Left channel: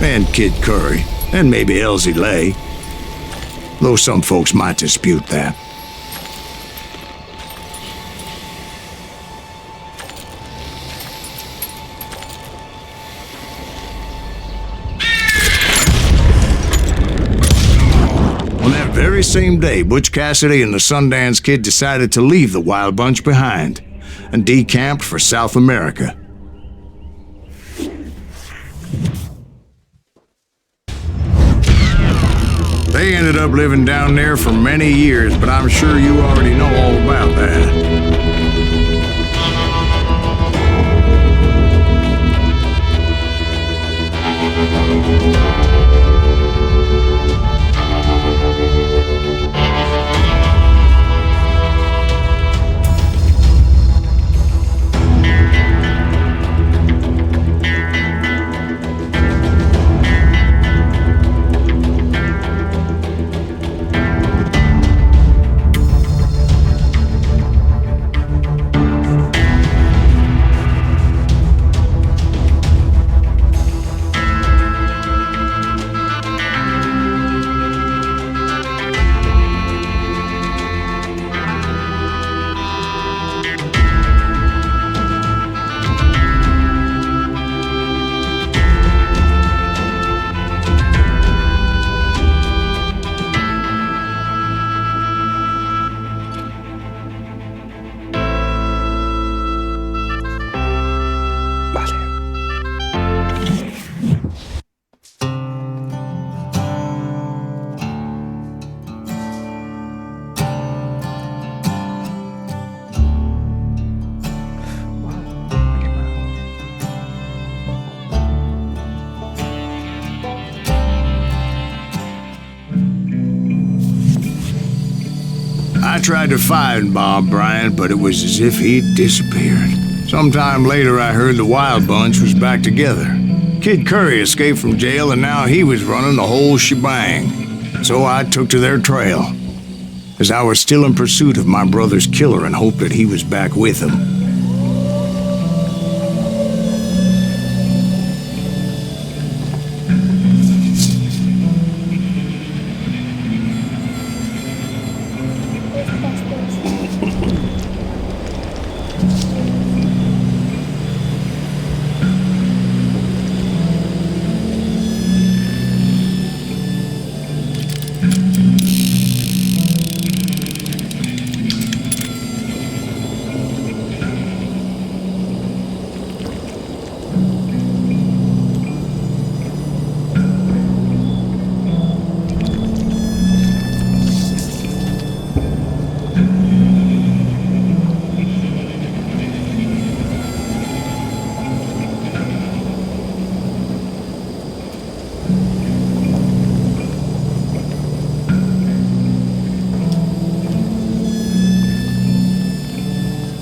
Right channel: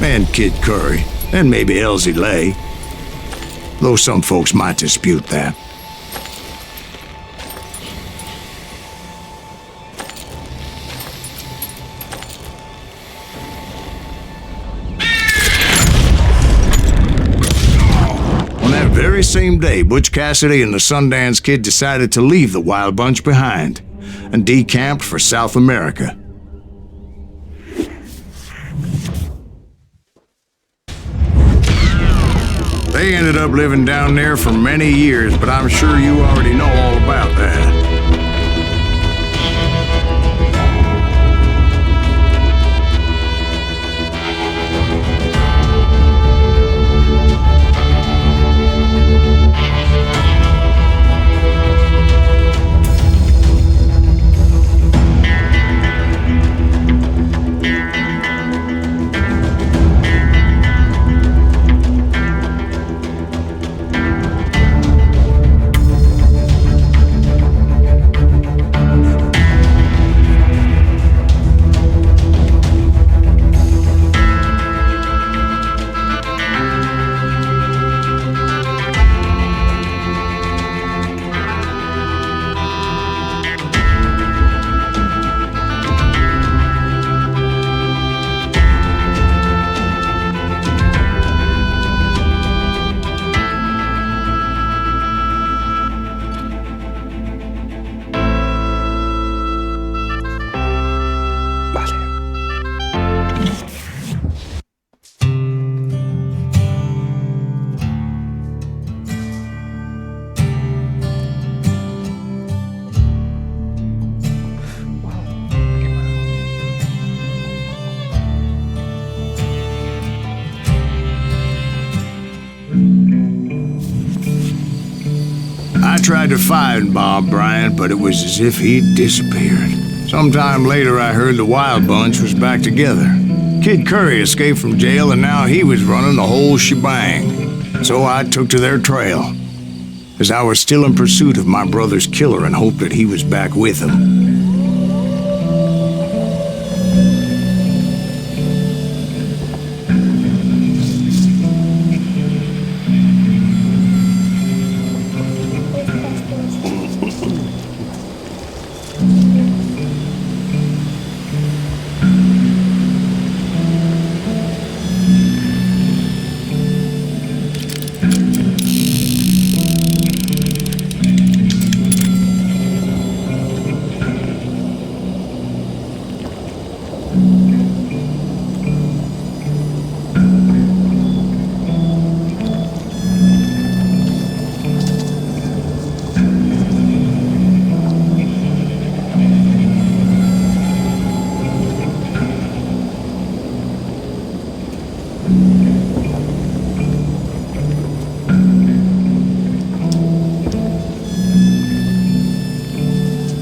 and Kid Curry, and maybe Elsie Lay. Though some folks might dispute that. On that very same day, Butch Cassidy and the Sundance Kid decided to leave the Wild Bunch behind and decamped for South America. They ended up living down there for many years, but I'm sure you already know all about that. I tried to find Bob Bryant, but it was as if he'd disappeared. Sometime later, I heard the Wild Bunch was back together. Kid Curry escaped from jail, and now he was running the whole shebang. So I took to their trail, as I was still in pursuit of my brother's killer and hoped that he was back with him.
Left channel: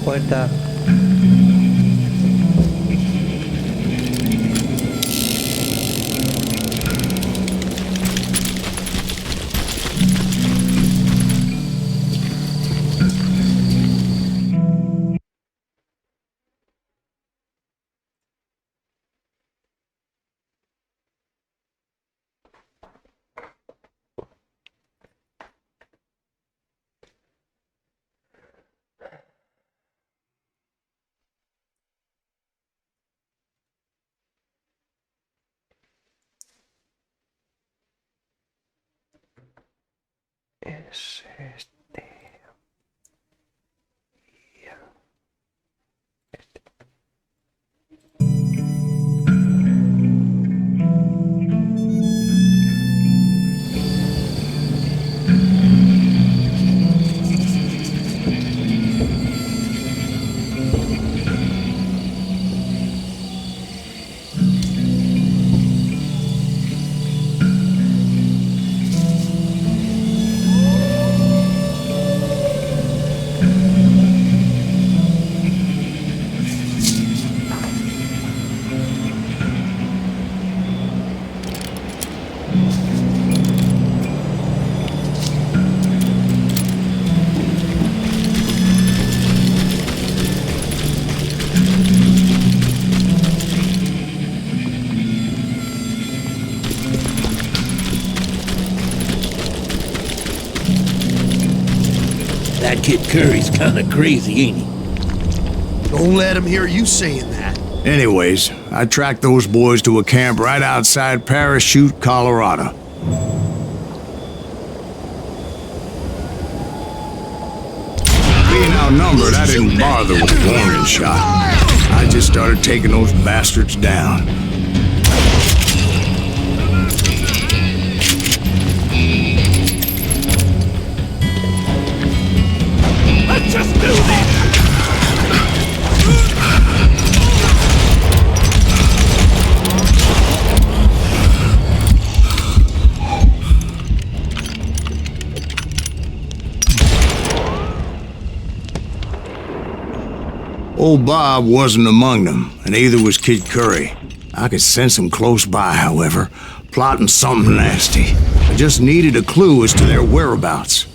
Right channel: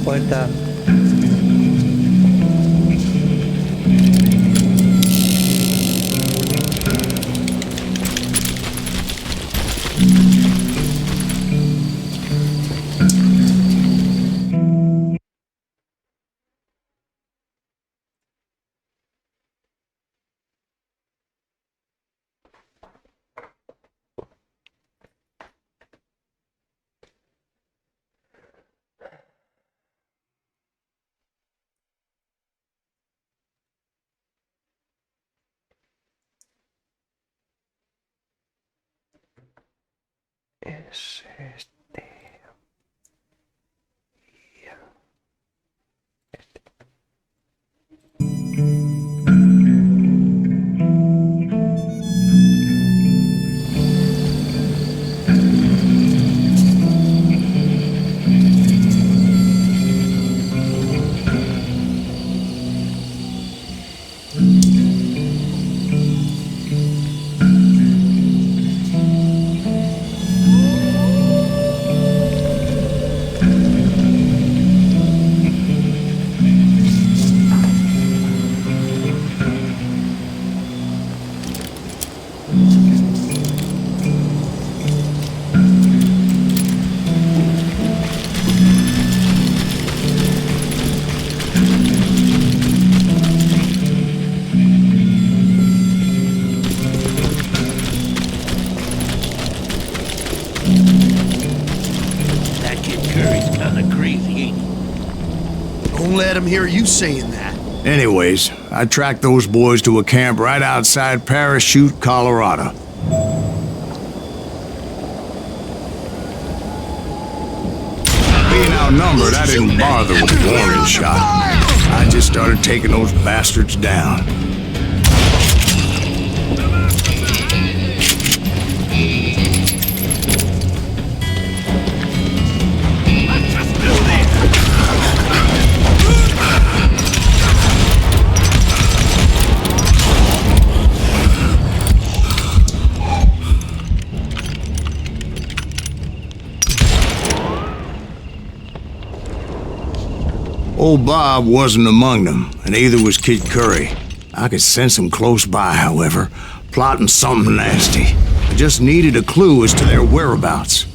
Puerta. Es este. Ya. Este. Curry's kinda crazy, ain't he? Don't let him hear you saying that. Anyways, I tracked those boys to a camp right outside Parachute, Colorado. Being outnumbered, I didn't bother with a warning shot. I just started taking those bastards down. Let's just do this! Old Bob wasn't among them, and neither was Kid Curry. I could sense him close by, however, plotting something nasty. I just needed a clue as to their whereabouts.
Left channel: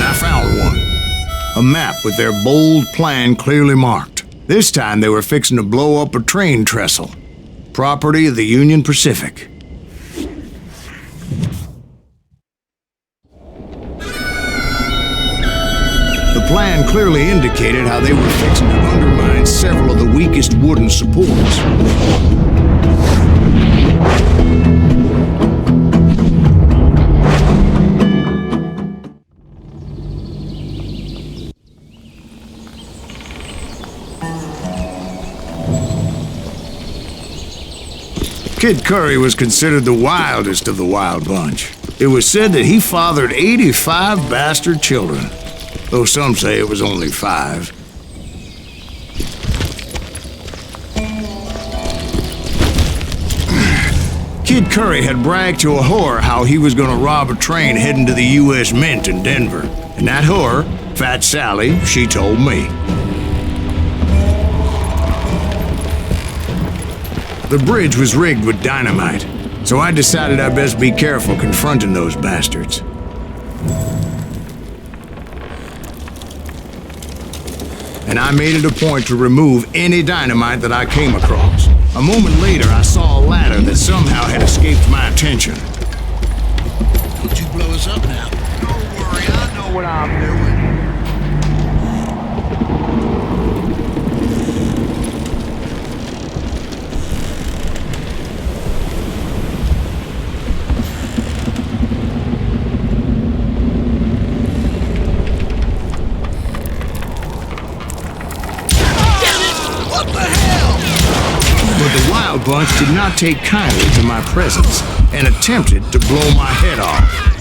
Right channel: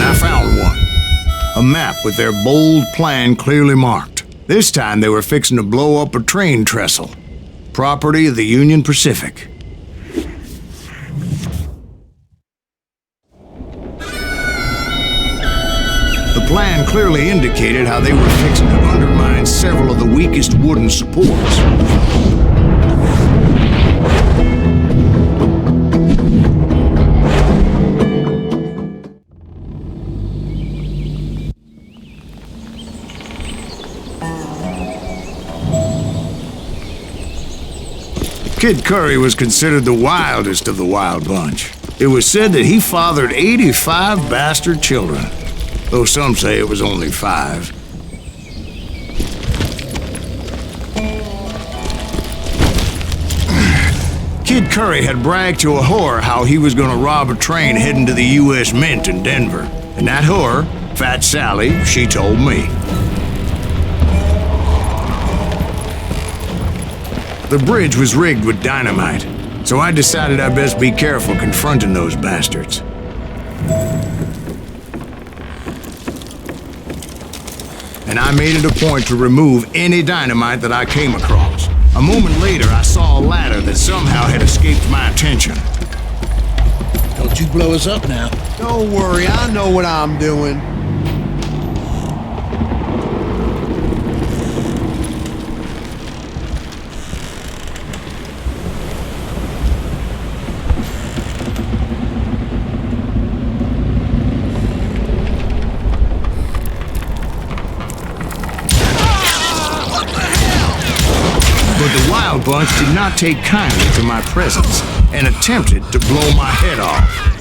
I found one. A map with their bold plan clearly marked. This time they were fixing to blow up a train trestle. Property of the Union Pacific. The plan clearly indicated how they were fixing to undermine several of the weakest wooden supports. Kid Curry was considered the wildest of the wild bunch. It was said that he fathered 85 bastard children, though some say it was only 5. Kid Curry had bragged to a whore how he was going to rob a train heading to the U.S. Mint in Denver. And that whore, Fat Sally, she told me. The bridge was rigged with dynamite, so I decided I'd best be careful confronting those bastards. And I made it a point to remove any dynamite that I came across. A moment later, I saw a ladder that somehow had escaped my attention. Don't you blow us up now. Don't worry, I know what I'm doing. But the wild bunch did not take kindly to my presence and attempted to blow my head off.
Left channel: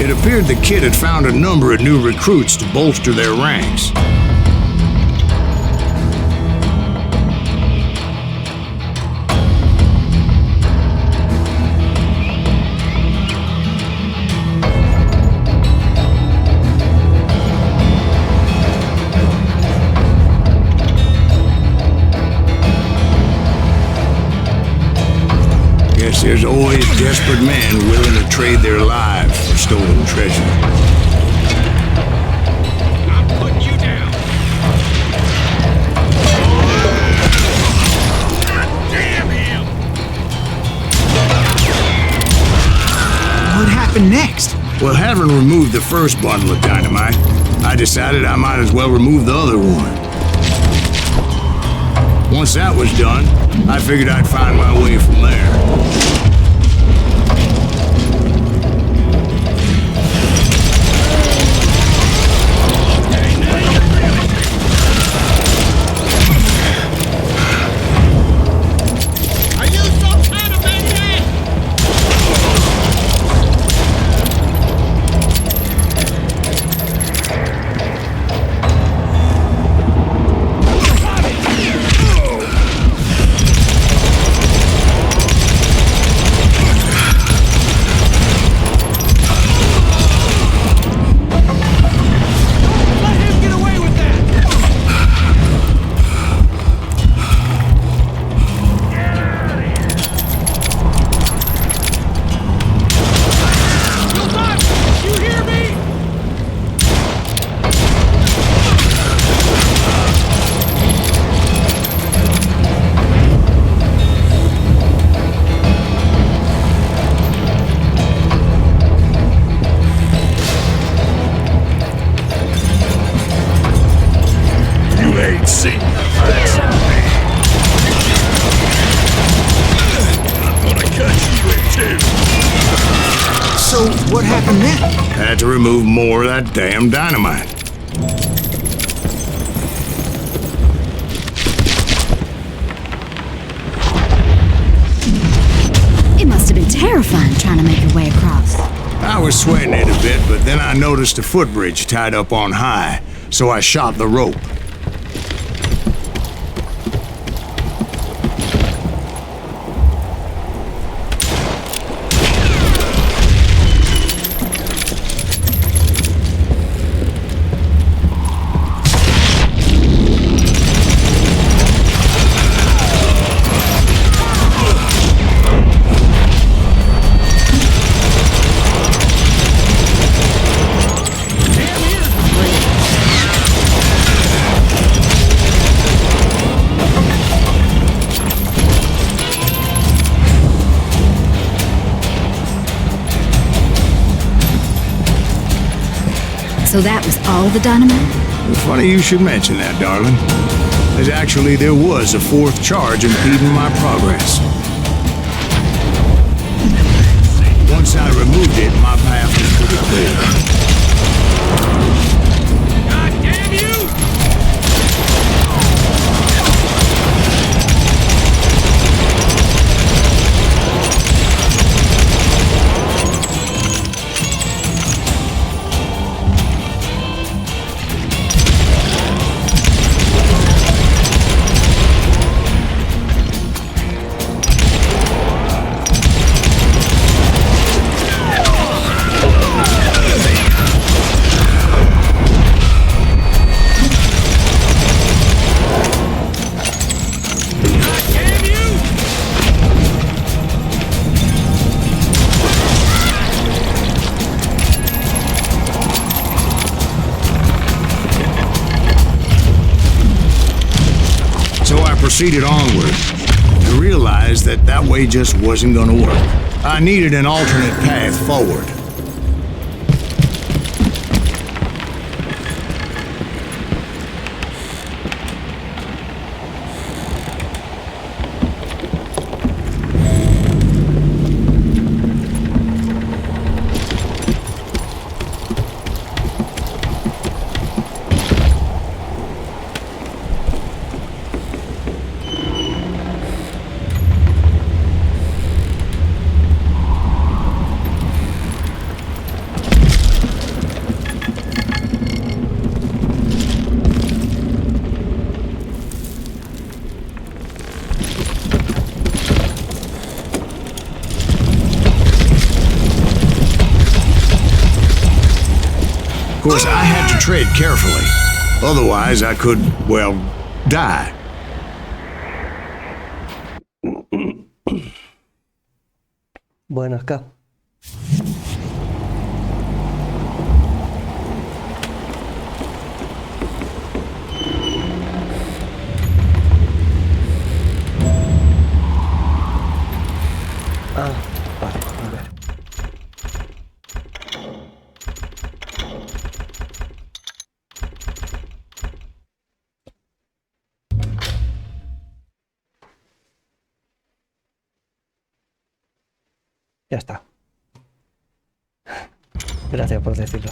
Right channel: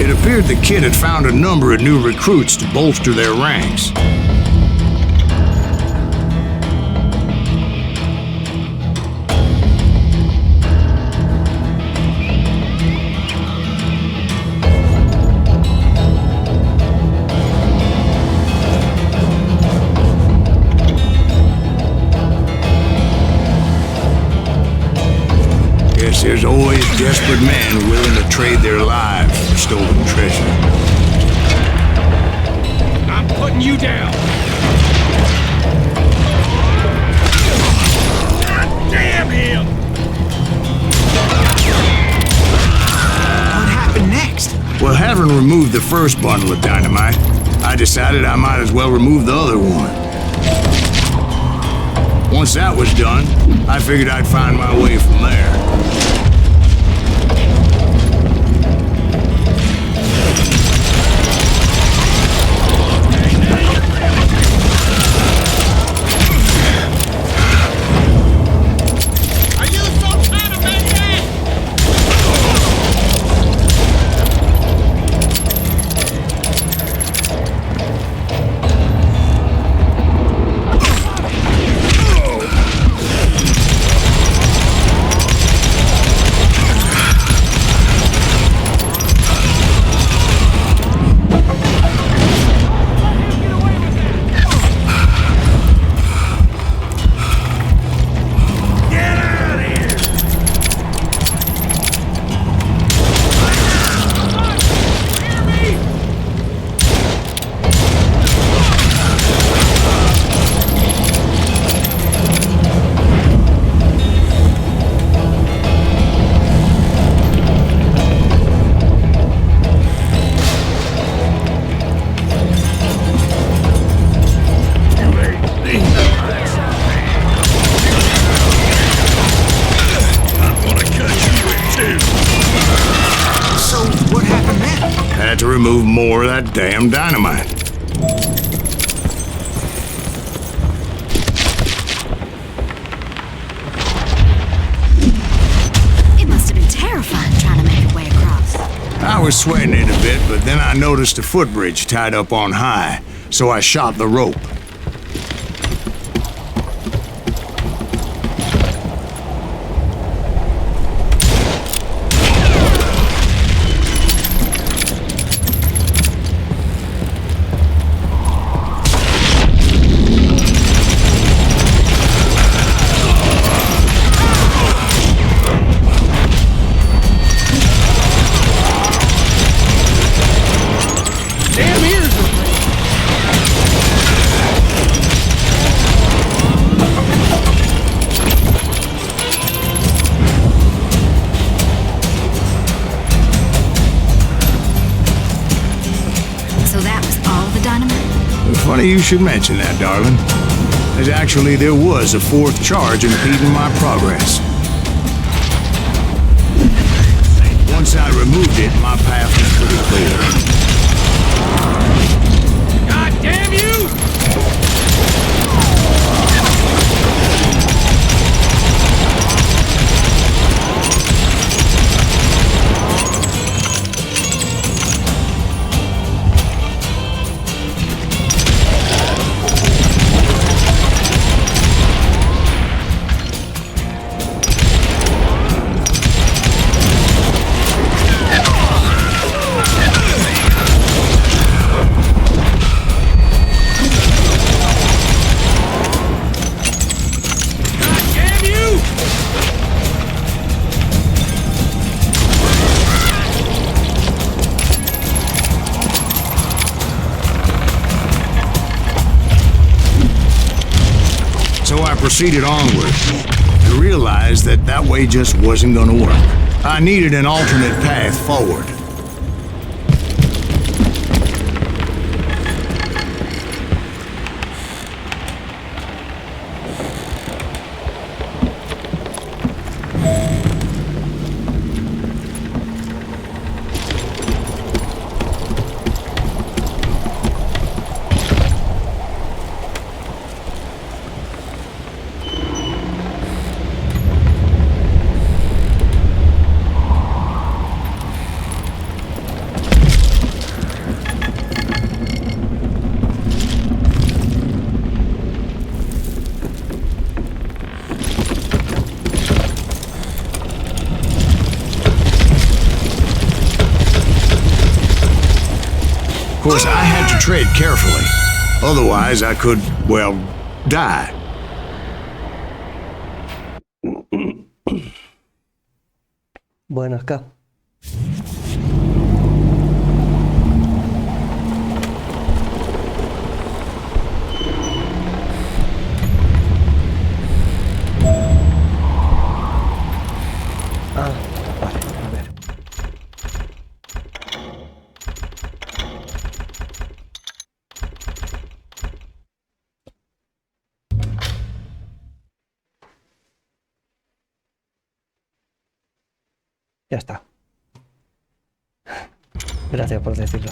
It appeared the kid had found a number of new recruits to bolster their ranks. Guess there's always desperate men willing to trade their lives for stolen treasure. I'm putting you down. God damn him! What happened next? Well, having removed the first bundle of dynamite, I decided I might as well remove the other one. Once that was done, I figured I'd find my way from there. Are you some kind of maniac? So, what happened then? Had to remove more of that damn dynamite. It must have been terrifying trying to make your way across. I was sweating it a bit, but then I noticed a footbridge tied up on high, so I shot the rope. So that was all the dynamite? Funny you should mention that, darling. As actually, there was a fourth charge impeding my progress. Once I removed it, my path was pretty clear. God damn you! So I proceeded onward. I realized that that way just wasn't gonna work. I needed an alternate path forward. Of course, I had to tread carefully. Otherwise, I could, well, die. Bueno, acá. Ah, vale, a ver. Ya está. Gracias por decirlo.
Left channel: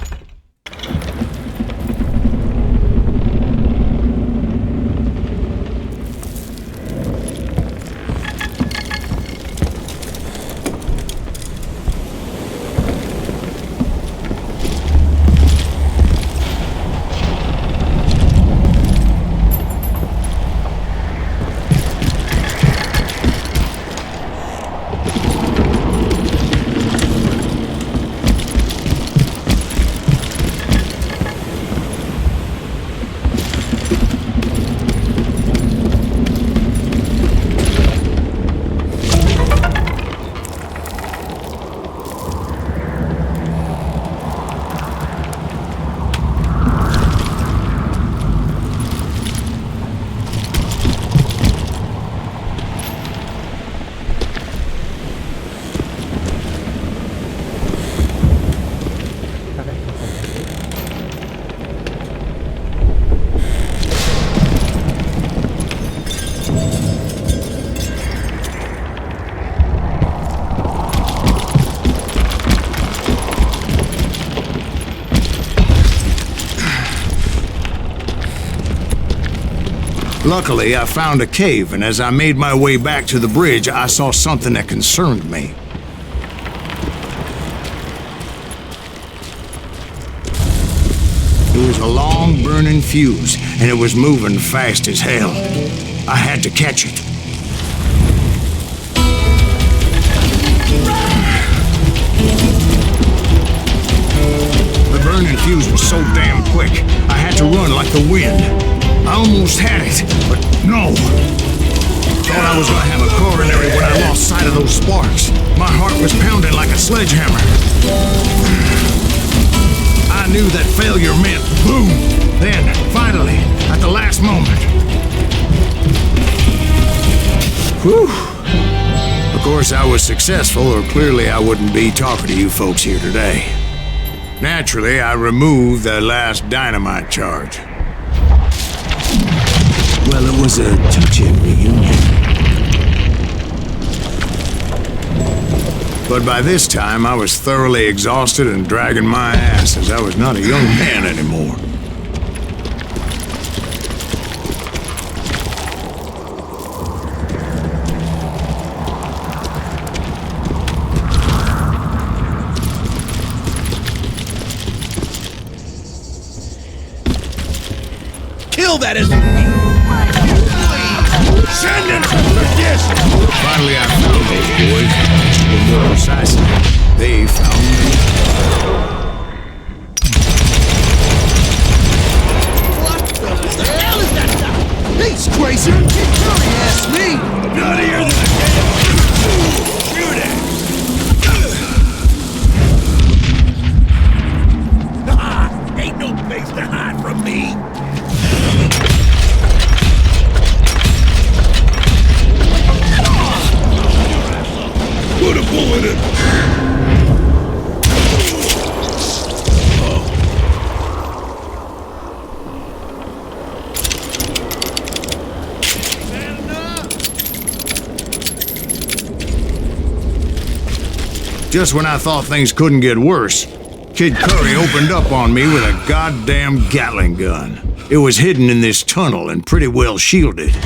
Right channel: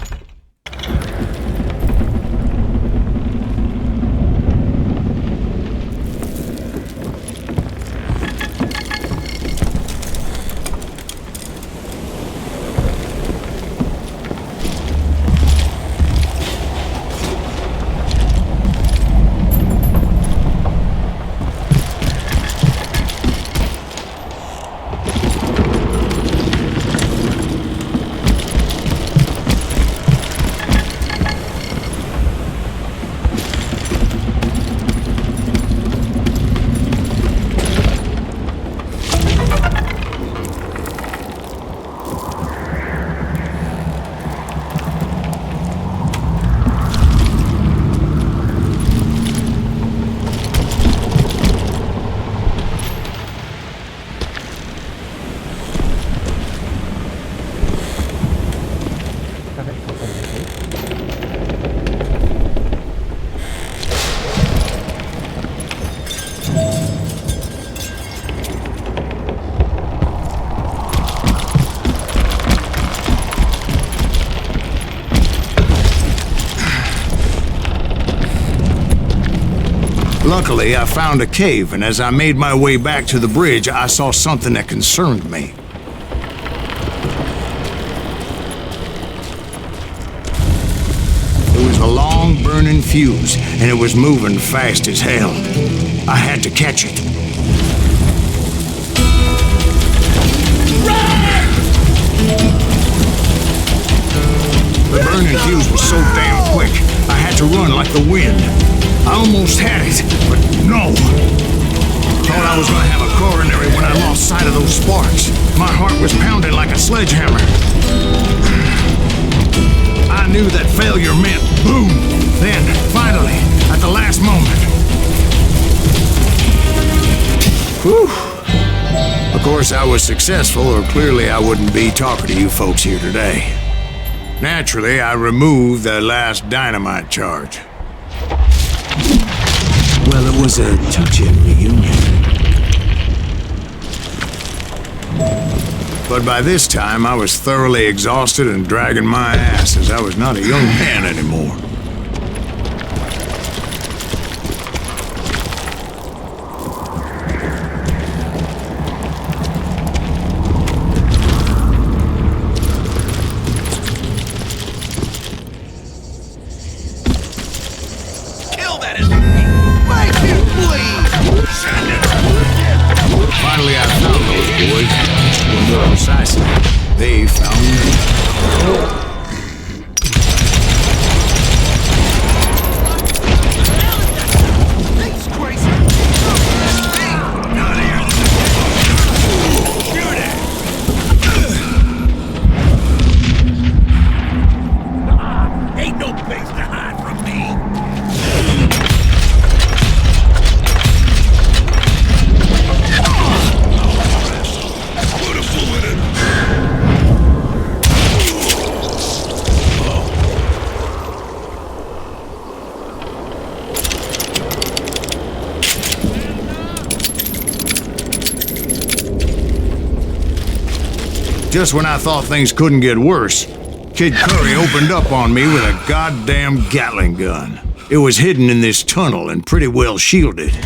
A ver, ¿por dónde voy? Luckily, I found a cave, and as I made my way back to the bridge, I saw something that concerned me. It was a long burning fuse, and it was moving fast as hell. I had to catch it. The burning fuse was so damn quick, I had to run like the wind. I almost had it, but no. Thought I was gonna have a coronary when I lost sight of those sparks. My heart was pounding like a sledgehammer. I knew that failure meant boom. Then, finally, at the last moment. Whew. Of course, I was successful, or clearly I wouldn't be talking to you folks here today. Naturally, I removed the last dynamite charge. Well, it was a touching reunion. But by this time, I was thoroughly exhausted and dragging my ass, as I was not a young man anymore. Kill that as please. Send it. Finally, I found those boys. Or more precisely, they found me. He's crazy. That's me. Nuttier than a game. Shoot it. Ain't no place to hide from me. Put a bullet in. Just when I thought things couldn't get worse, Kid Curry opened up on me with a goddamn Gatling gun. It was hidden in this tunnel and pretty well shielded.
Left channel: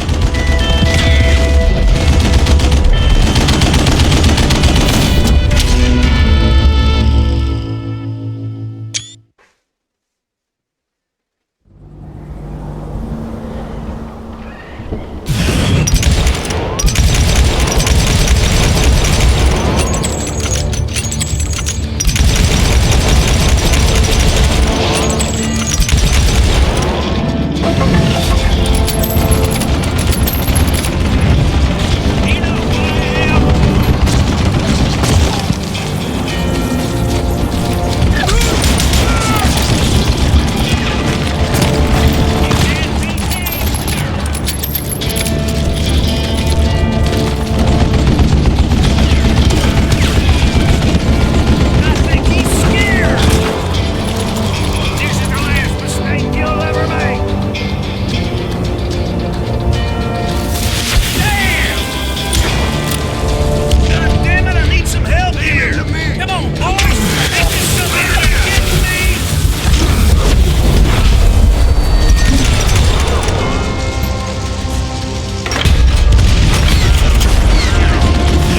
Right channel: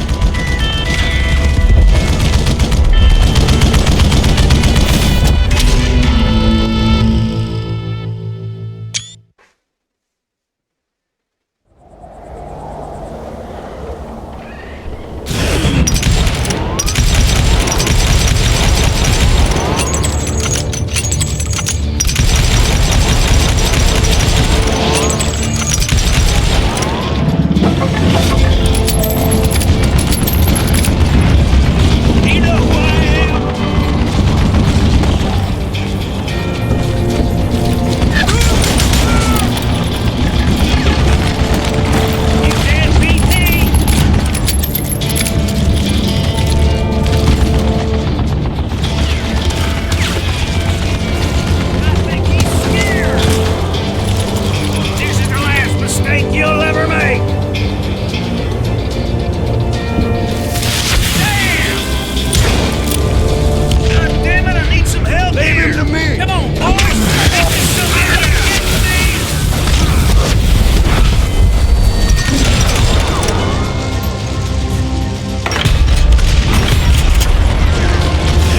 Some some help Leave here! him to me. Come on, boys! Think you come here to get me?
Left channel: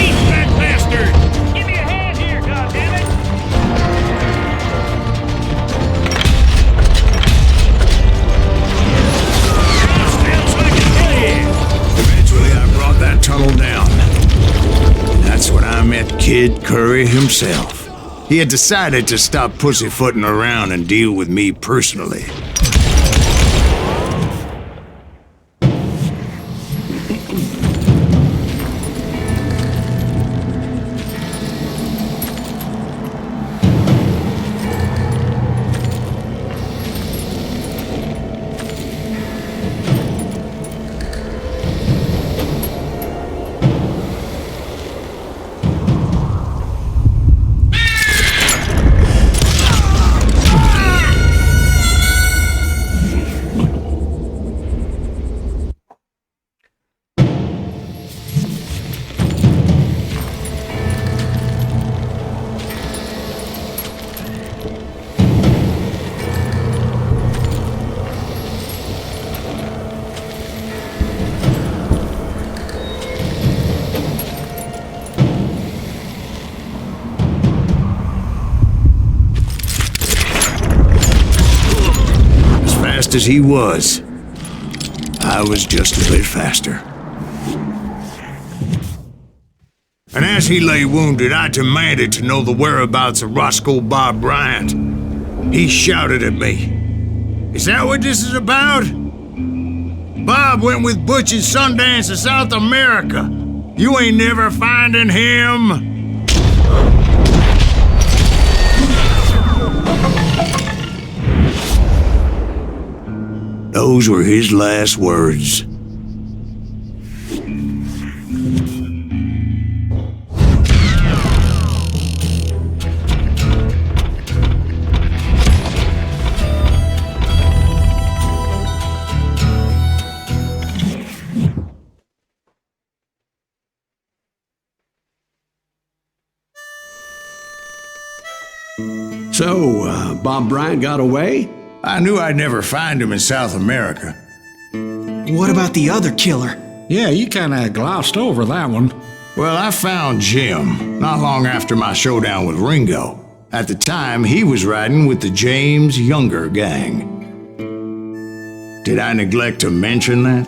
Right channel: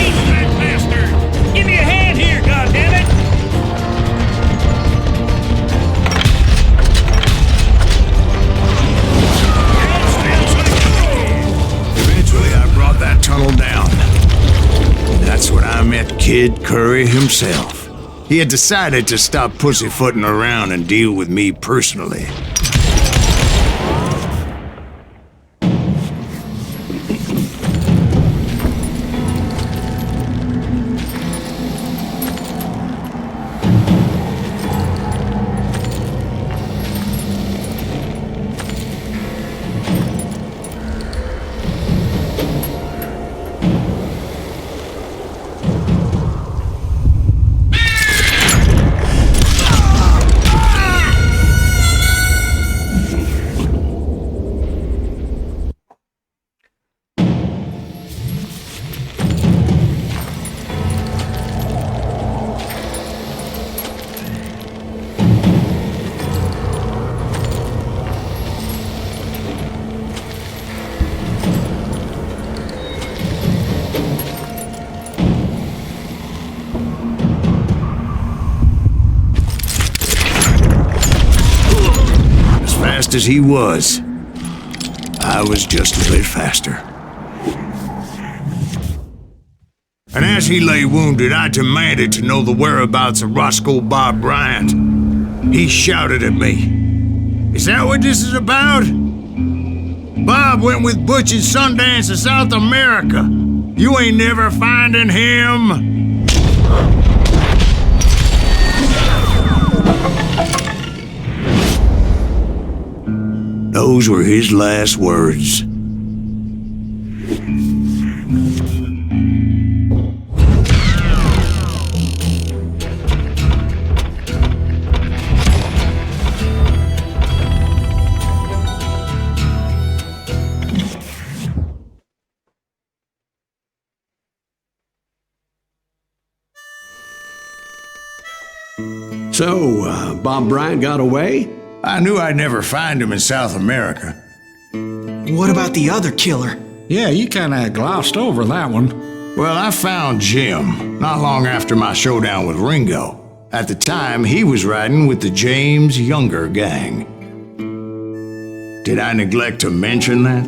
Eat that bastard! Give me a hand here, goddammit! Eventually, I brought that tunnel down. And that's when I met Kid Curry himself. He had decided to stop pussyfooting around and deal with me personally. Fast as he was, I was just a bit faster. And as he lay wounded, I demanded to know the whereabouts of Roscoe Bob Bryant. He shouted at me, "Is that what this is about? Bob went with Butch and Sundance to South America. You ain't never finding him." Those were his last words. So, Bob Bryant got away? I knew I'd never find him in South America. What about the other killer? Yeah, you kinda glossed over that one. Well, I found Jim not long after my showdown with Ringo. At the time, he was riding with the James Younger gang. Did I neglect to mention that?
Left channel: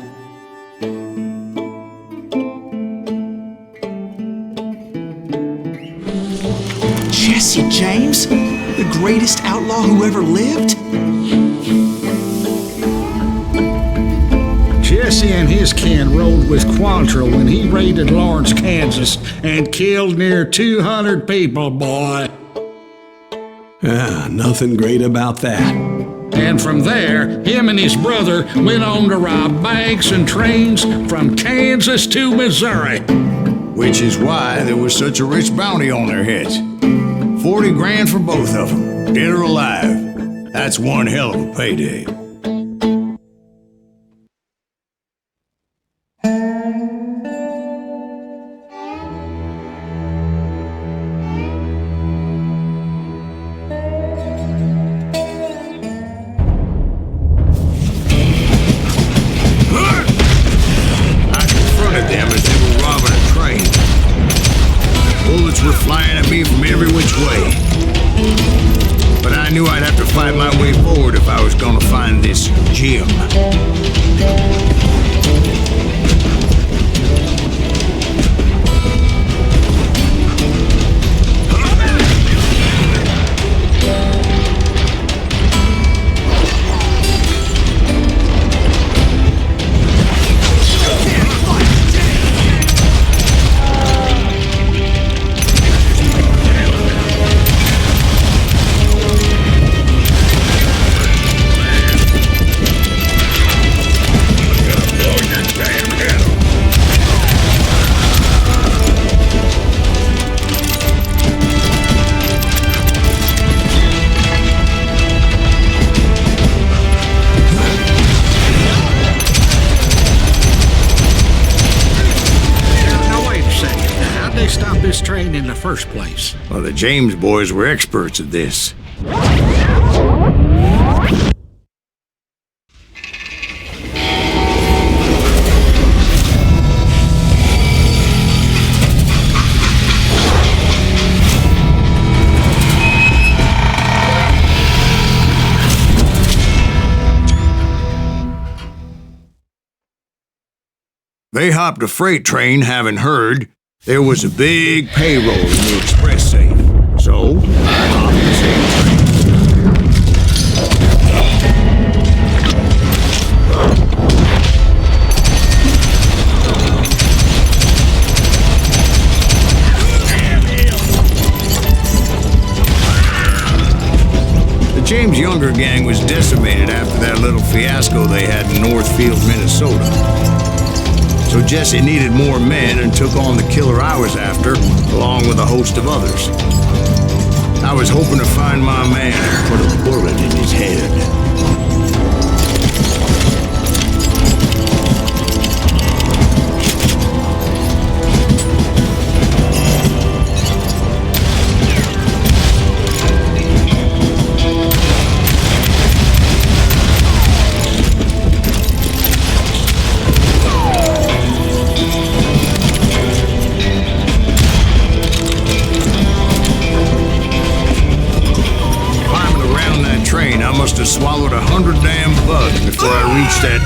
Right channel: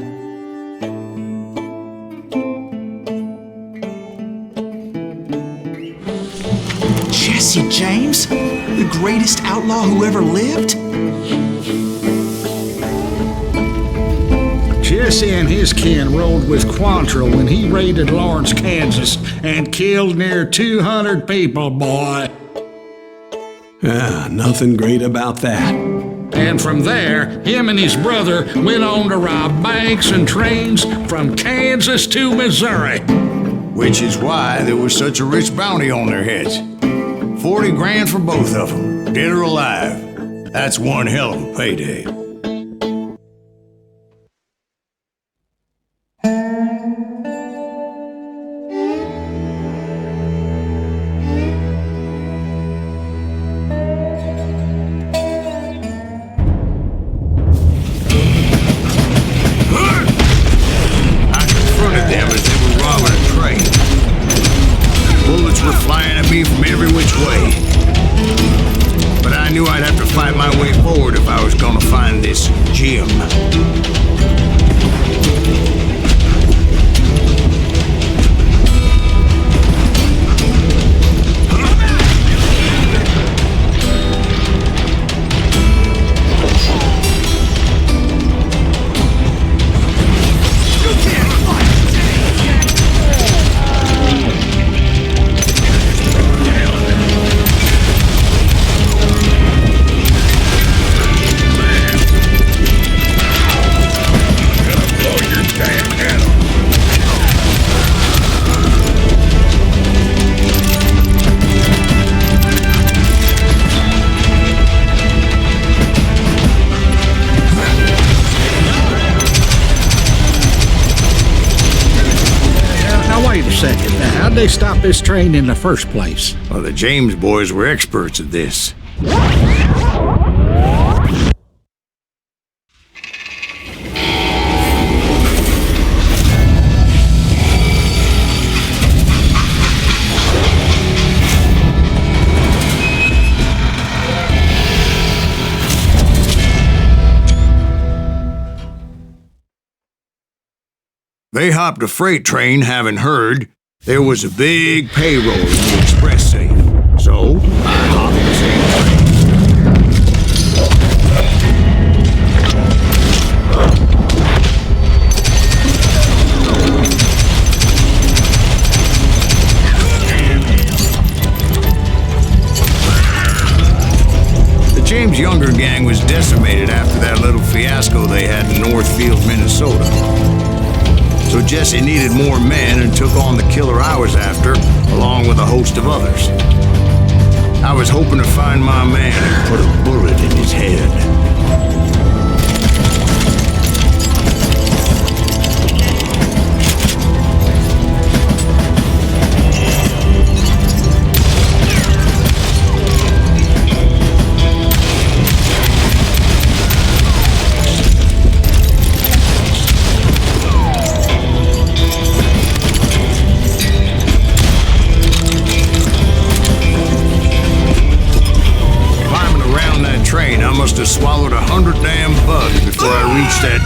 Jesse James? The greatest outlaw who ever lived? Jesse and his kin rode with Quantrill when he raided Lawrence, Kansas, and killed near 200 people, boy. Nothing great about that. And from there, him and his brother went on to rob banks and trains from Kansas to Missouri. Which is why there was such a rich bounty on their heads. 40 grand for both of them, dead or alive. That's one hell of a payday. Bullets were flying at me from every which way. But I knew I'd have to fight my way forward if I was gonna find this Jim. Damn they stop this train in the first place? Well, the James boys were experts at this. They hopped a freight train, having heard there was a big payroll in the express safe. So, I hopped the same train. The James Younger gang was decimated after that little fiasco they had in Northfield, Minnesota. So Jesse needed more men and took on the killer I was after, along with a host of others. I was hoping to find my man and put a bullet in his head. Train, I must have swallowed 100 damn bugs before I reached that.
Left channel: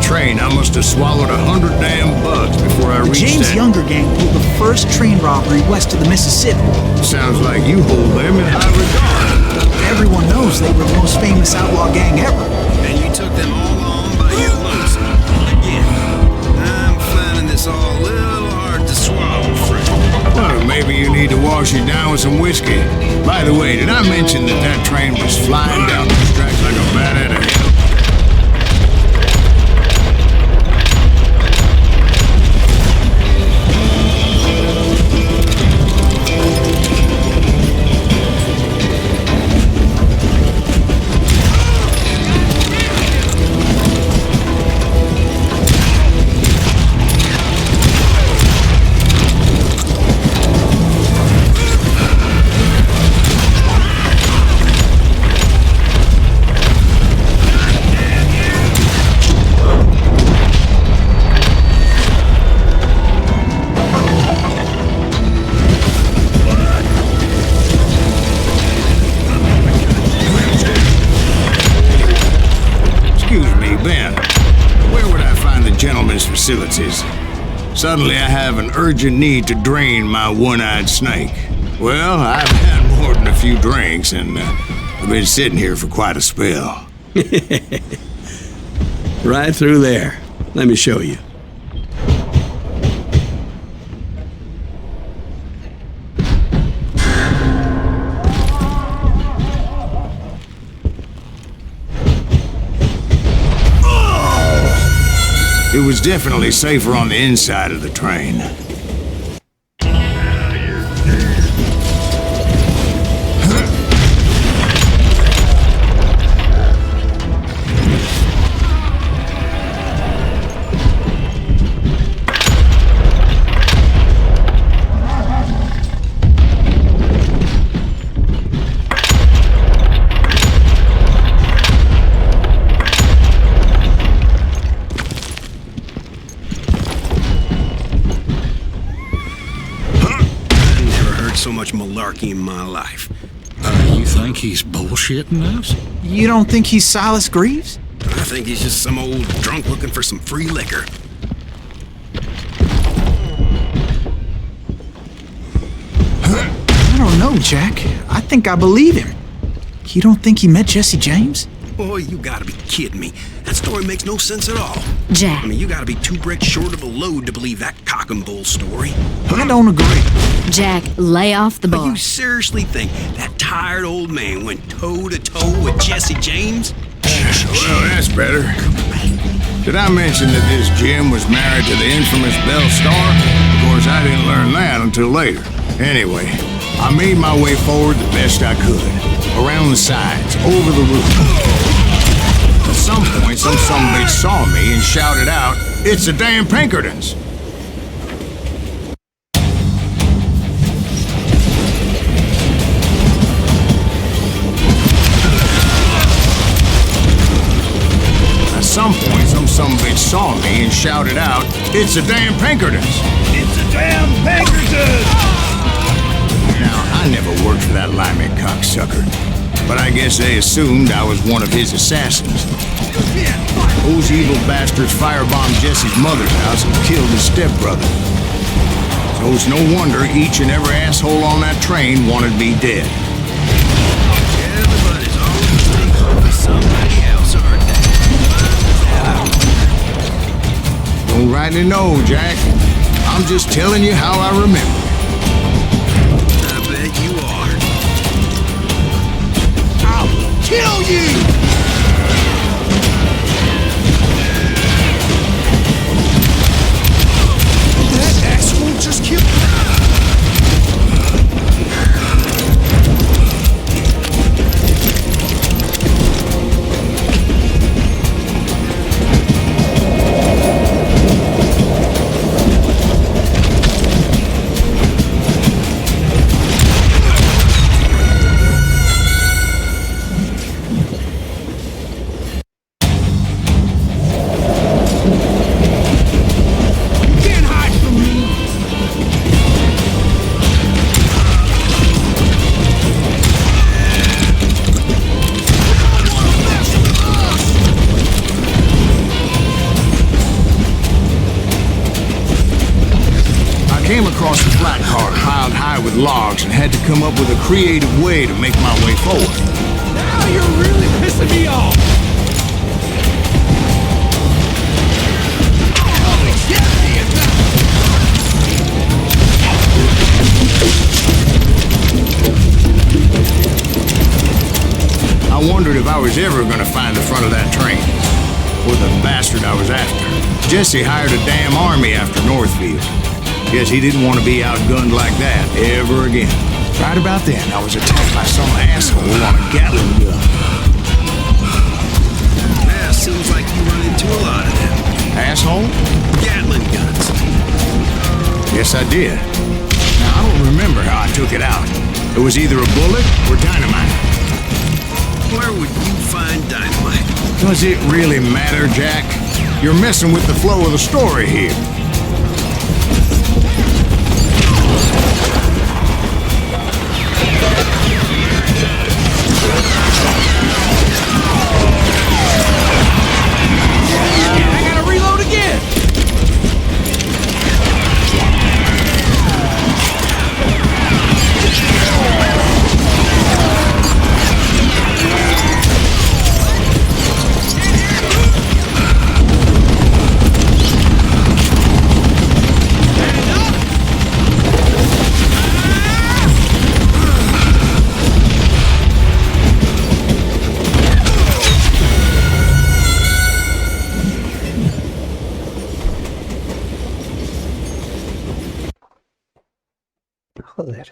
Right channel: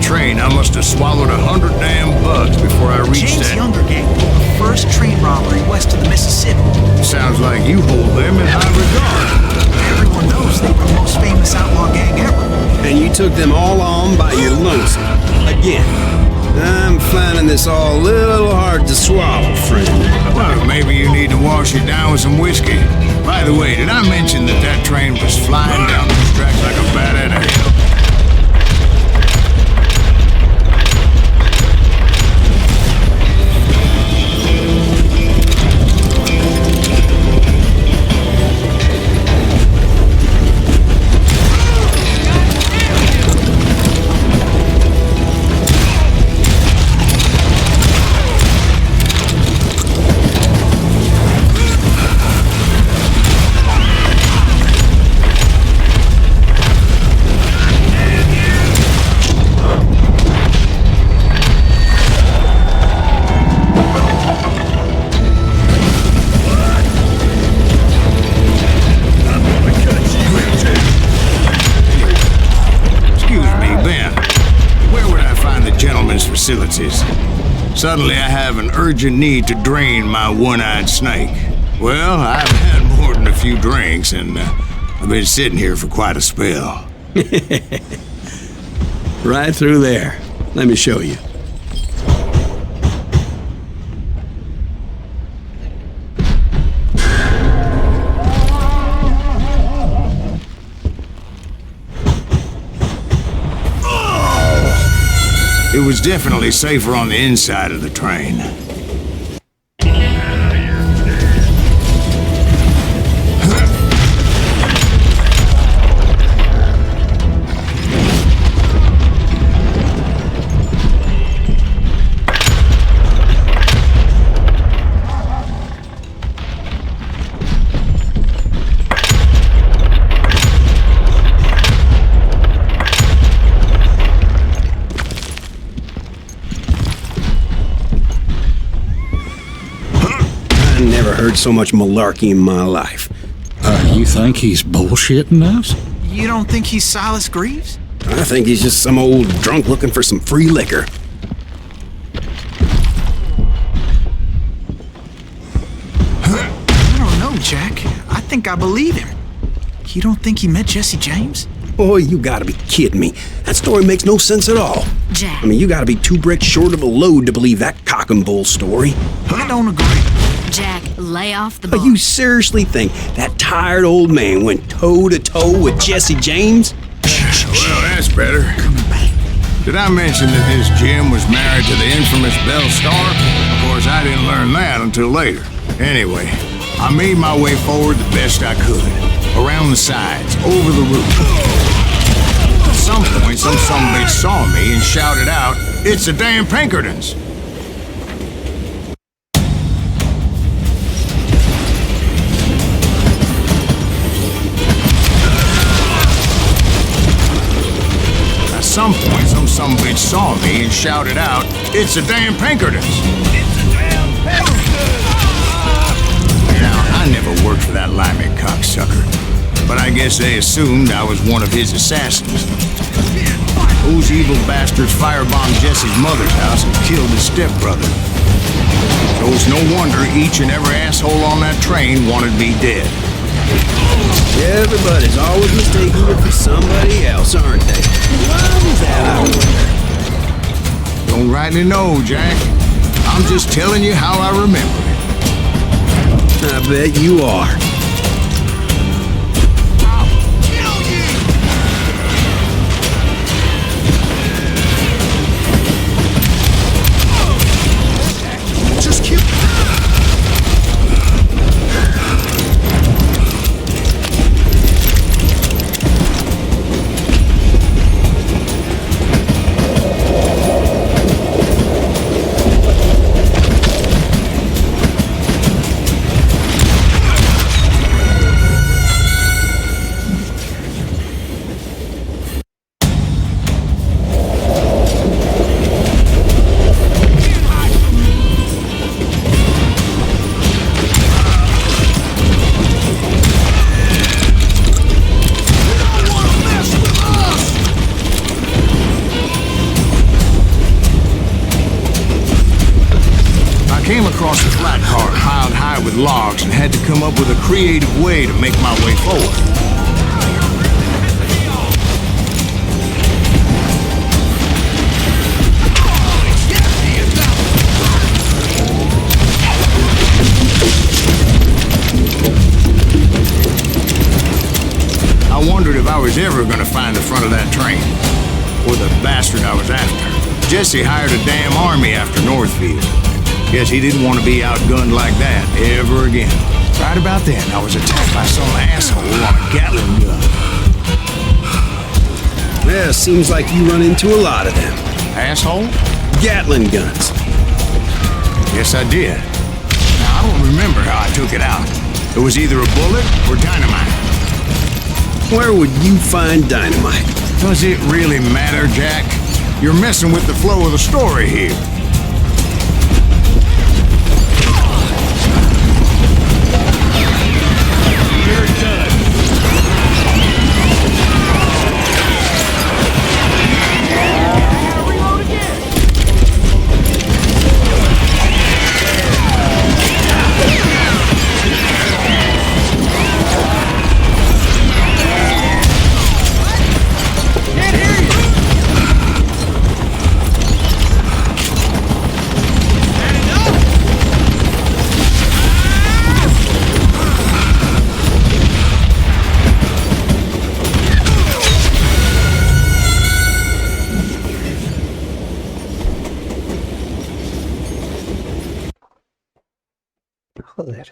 Train, I must have swallowed 100 damn bugs before I reached James that. Younger gang pulled the first train robbery west of the Mississippi. Sounds like you hold them in high regard. Everyone knows they were the most famous outlaw gang ever. And you took them all on by your lonesome. Again. I'm finding this all a little hard to swallow, friend. Well, maybe you need to wash it down with some whiskey. By the way, did I mention that train was flying down those tracks like a bat out of hell? Facilities. Suddenly I have an urgent need to drain my one-eyed snake. Well, I've had more than a few drinks, and I've been sitting here for quite a spell. Right through there. Let me show you. It was definitely safer on the inside of the train. So much malarkey in my life. You think he's bullshitting us? You don't think he's Silas Greaves? I think he's just some old drunk looking for some free liquor. I don't know, Jack. I think I believe him. You don't think he met Jesse James? Boy, you gotta be kidding me. That story makes no sense at all. Jack. I mean, you gotta be 2 bricks short of a load to believe that cock and bull story. I don't agree. Jack, lay off the bar. But you seriously think that tired old man went toe-to-toe with Jesse James? Well, that's better. Did I mention that this Jim was married to the infamous Belle Star? Of course, I didn't learn that until later. Anyway, I made my way forward the best I could. Around the sides, over the roof. At some point, some sumbitch saw me and shouted out, "It's the damn Pinkertons!" At some point, some sumbitch saw me and shouted out, "It's the damn Pinkertons!" It's a damn Pinkertons! Now, I never worked for that limey cocksucker, but I guess they assumed I was one of his assassins. Those evil bastards firebombed Jesse's mother's house and killed his stepbrother. So it's no wonder each and every asshole on that train wanted me dead. Everybody's always mistaken me for somebody else, aren't they? Why was that, I wonder? Don't rightly know, Jack. I'm just telling you how I remember it. I bet you are. Kill you! This asshole just killed. Came across a flat car piled high with logs and had to come up with a creative way to make my way forward. You're really pissing me off! Oh, get me I wondered if I was ever going to find the front of that train, or the bastard I was after. Jesse hired a damn army after Northfield. Guess he didn't want to be outgunned like that ever again. Right about then, I was attacked by some asshole on a Gatling gun. Well, seems like you run into a lot of them. Asshole? Gatling guns. Yes, I did. Now, I don't remember how I took it out. It was either a bullet or dynamite. Where would you find dynamite? Does it really matter, Jack? You're messing with the flow of the story here. Joder.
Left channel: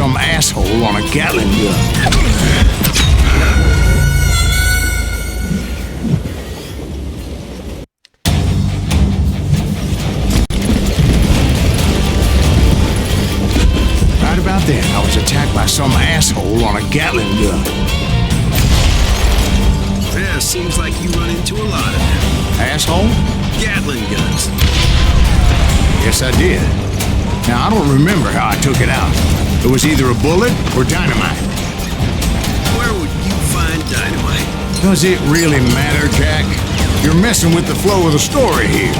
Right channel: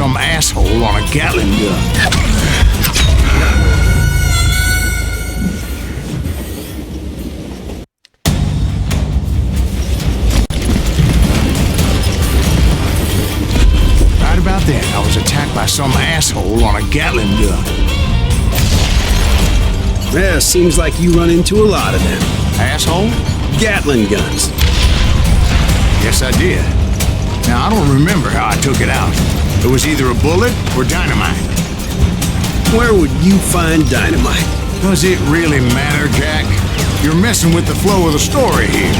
some asshole on a Gatling gun. Right about then, I was attacked by some asshole on a Gatling gun. Yeah, seems like you run into a lot of them. Asshole? Gatling guns. Yes, I did. Now, I don't remember how I took it out. It was either a bullet or dynamite. Where would you find dynamite? Does it really matter, Jack? You're messing with the flow of the story here.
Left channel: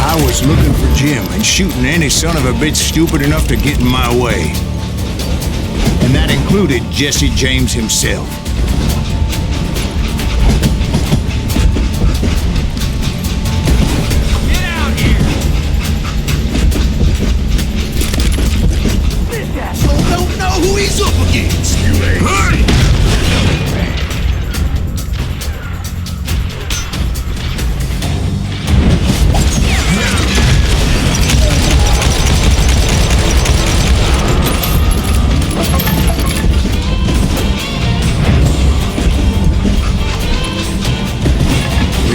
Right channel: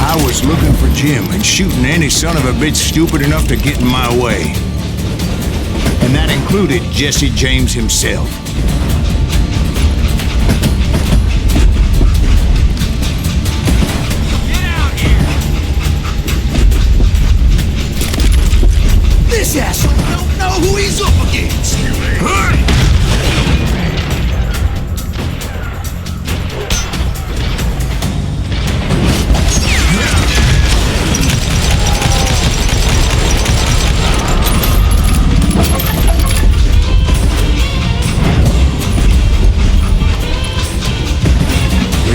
I was looking for Jim and shooting any son of a bitch stupid enough to get in my way. And that included Jesse James himself. Get out here! This asshole don't know who he's up against! You ain't.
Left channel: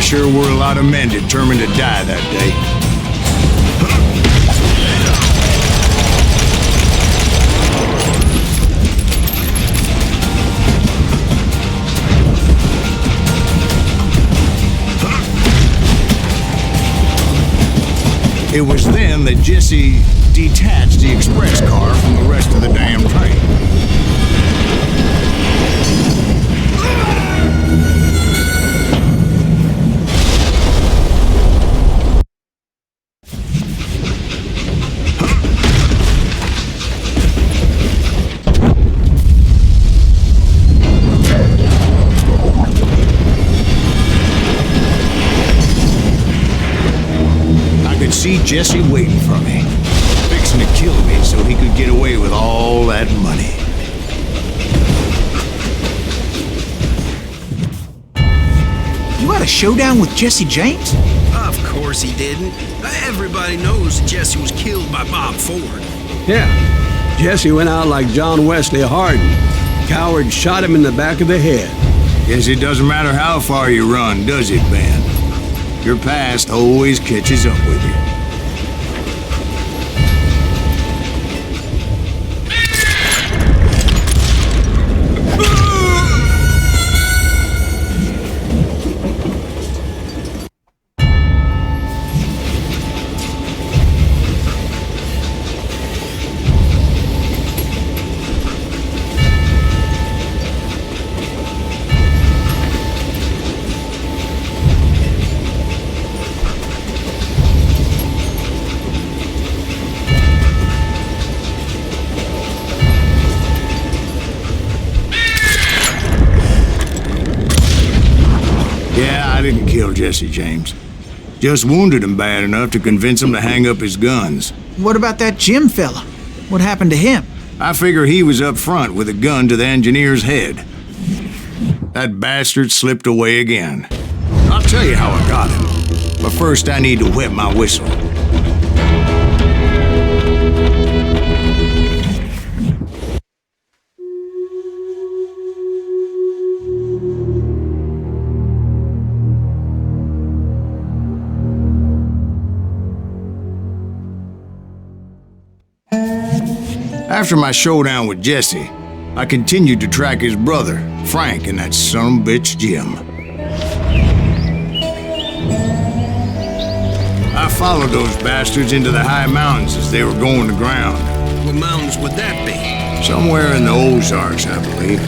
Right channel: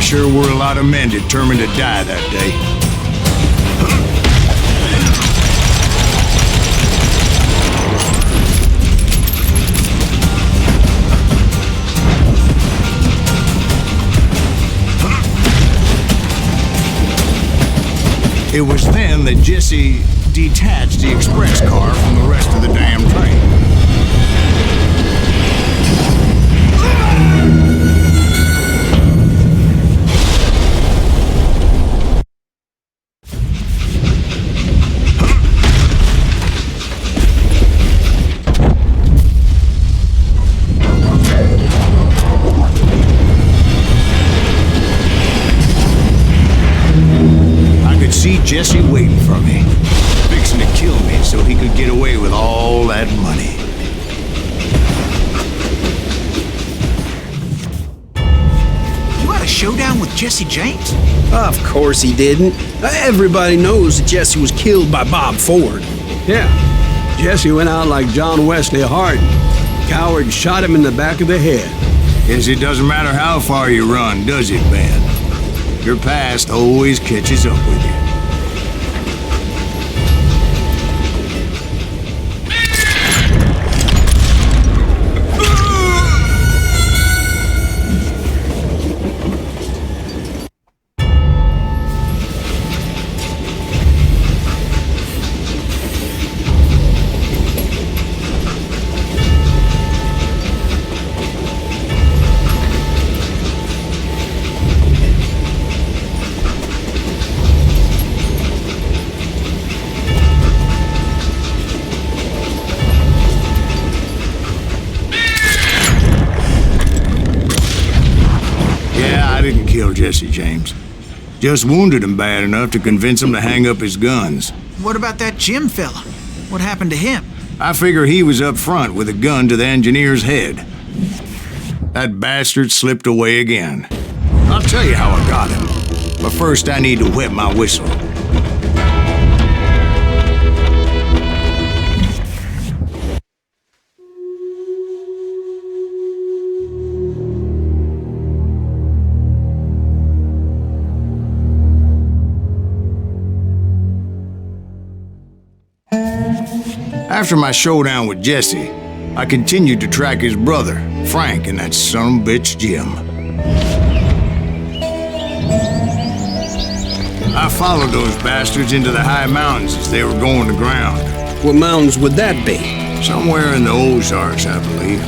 Sure were a lot of men determined to die that day. It was then that Jesse detached the express car from the rest of the damn train. See Jesse waiting for me, fixing to kill me so he could get away with all that money. You had a showdown with Jesse James? Of course he didn't. Everybody knows that Jesse was killed by Bob Ford. Yeah. Jesse went out like John Wesley Hardin. Coward shot him in the back of the head. Guess it doesn't matter how far you run, does it, Ben? Your past always catches up with you. Yeah, I didn't kill Jesse James. Just wounded him bad enough to convince him to hang up his guns. What about that Jim fella? What happened to him? I figure he was up front with a gun to the engineer's head. That bastard slipped away again. I'll tell you how I got him. But first I need to wet my whistle. After my showdown with Jesse, I continued to track his brother, Frank, and that sumbitch Jim. I followed those bastards into the high mountains as they were going to ground. What mountains would that be? Somewhere in the Ozarks, I believe.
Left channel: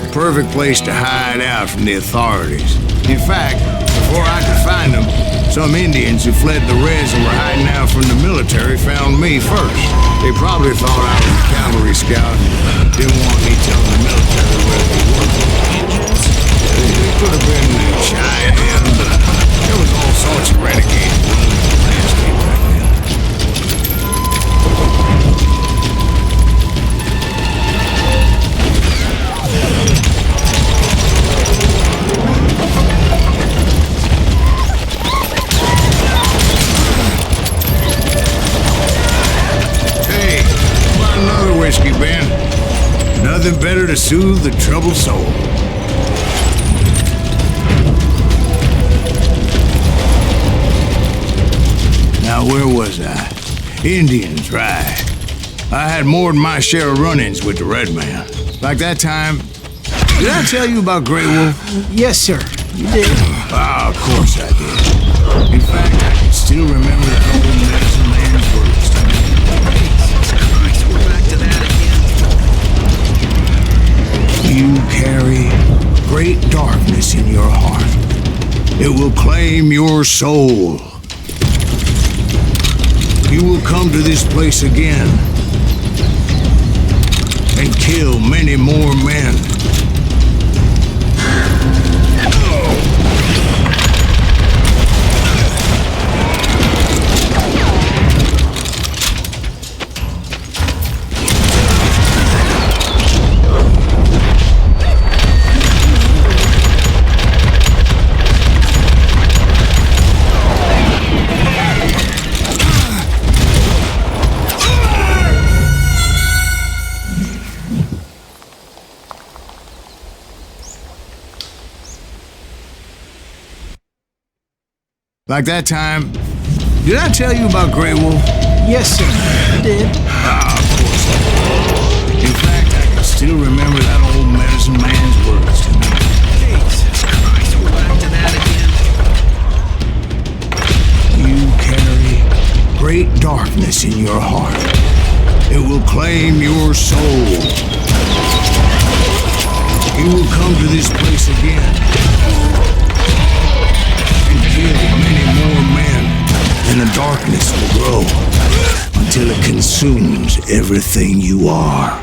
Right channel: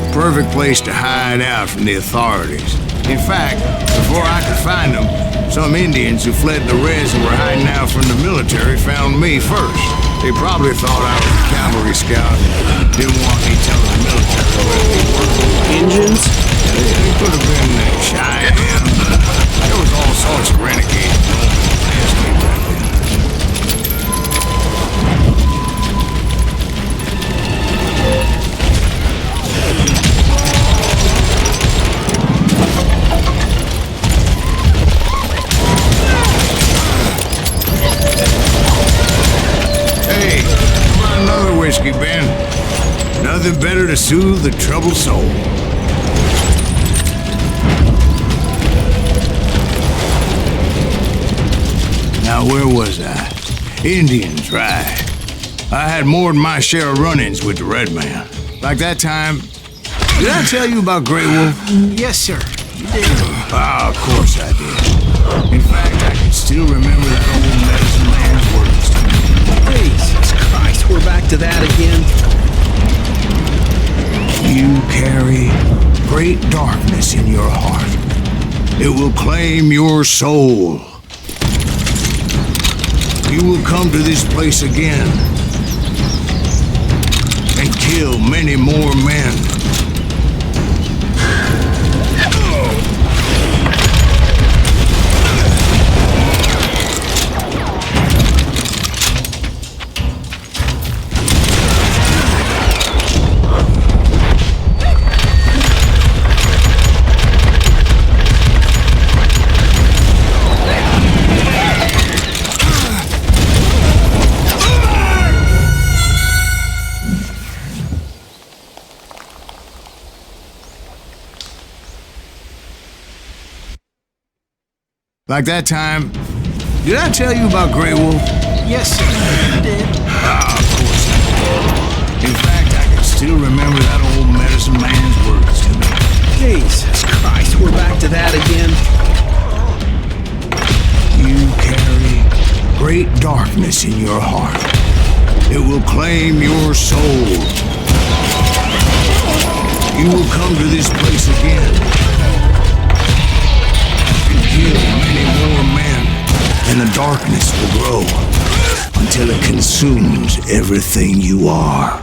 The perfect place to hide out from the authorities. In fact, before I could find them, some Indians who fled the res and were hiding out from the military found me first. They probably thought I was a cavalry scout and didn't want me telling the military where they were. Indians? They could have been Cheyenne, but there was all sorts of renegades roaming the landscape right then. Hey, how about another whiskey, Ben? Nothing better to soothe the troubled soul. Now, where was I? Indians, right. I had more than my share of run-ins with the red man. Like that time... Did I tell you about Grey Wolf? Yes, sir. You did. Ah, of course I did. In fact, I can still remember that old medicine man's words to me. Jesus Christ, we're back to that again. You carry great darkness in your heart. It will claim your soul. You will come to this place again and kill many more men. Like that time... Did I tell you about Grey Wolf? Yes, sir. You did. Ah, of course I did. In fact, I can still remember that old medicine man's words to me. Jesus Christ, we're back to that again. You carry great darkness in your heart. It will claim your soul. You will come to this place again and kill many more men, and the darkness will grow until it consumes everything you are.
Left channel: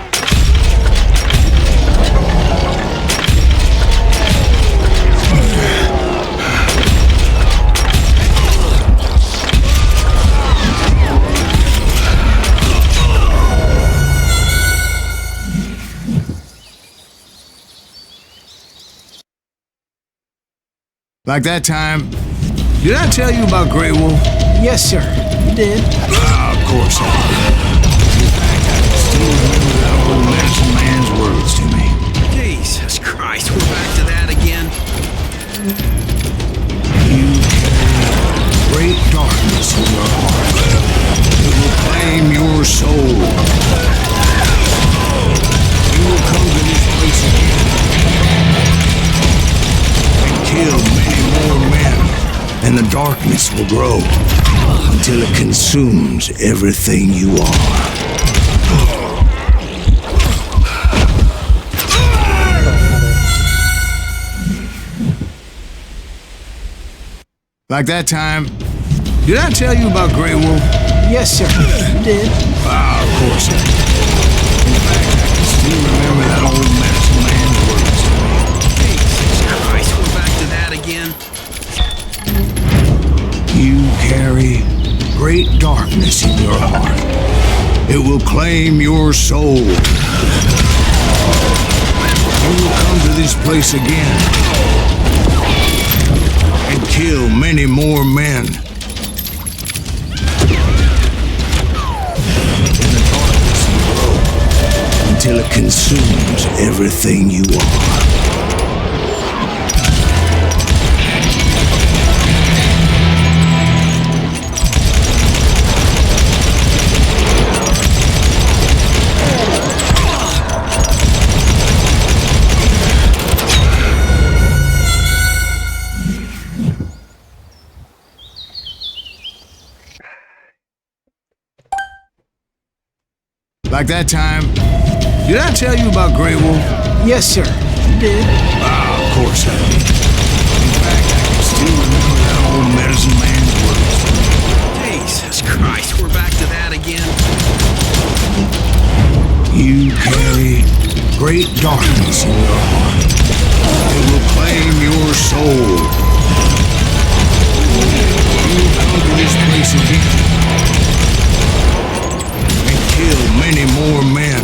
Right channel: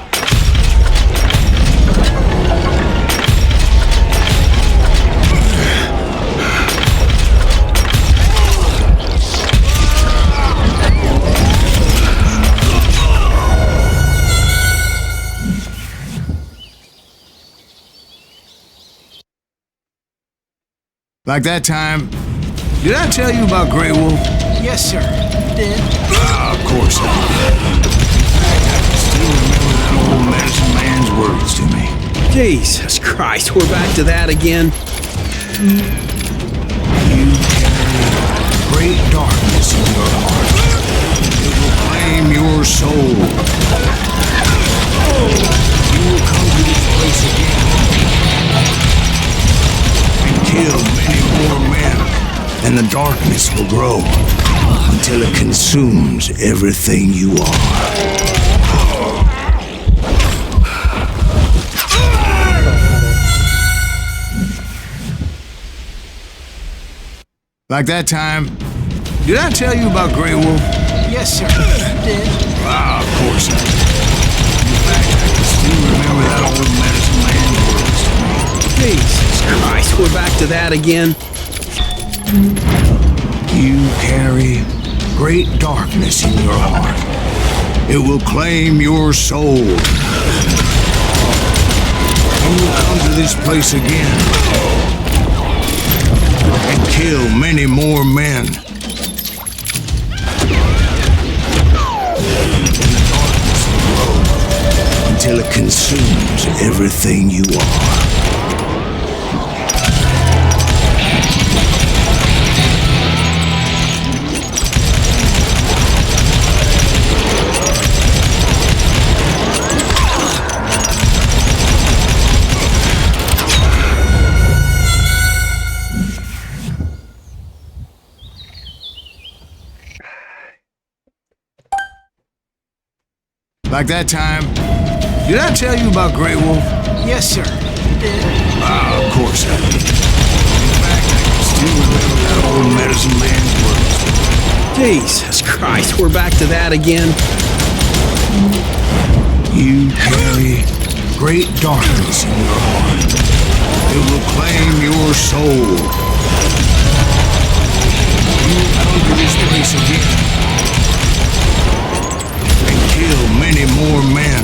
Like that time... Did I tell you about Grey Wolf? Yes, sir. You did. Ah, of course I did. In fact, I can still remember that old medicine man's words to me. Jesus Christ, we're back to that again. You carry great darkness in your heart. It will claim your soul. You will come to this place again and kill many more men, and the darkness will grow until it consumes everything you are. Like that time... Did I tell you about Grey Wolf? Yes, sir. You did. Ah, of course I did. In fact, I can still remember that old medicine man's words to me. Jesus Christ, we're back to that again. You carry great darkness in your heart. It will claim your soul. You will come to this place again and kill many more men. And the darkness will grow until it consumes everything you are. Like that time, did I tell you about Grey Wolf? Yes, sir. You did. Ah, of course I did. In fact, I can still remember that old medicine man's words. Jesus Christ, we're back to that again. You carry great darkness in your heart. It will claim your soul. You will come to this place again and kill many more men,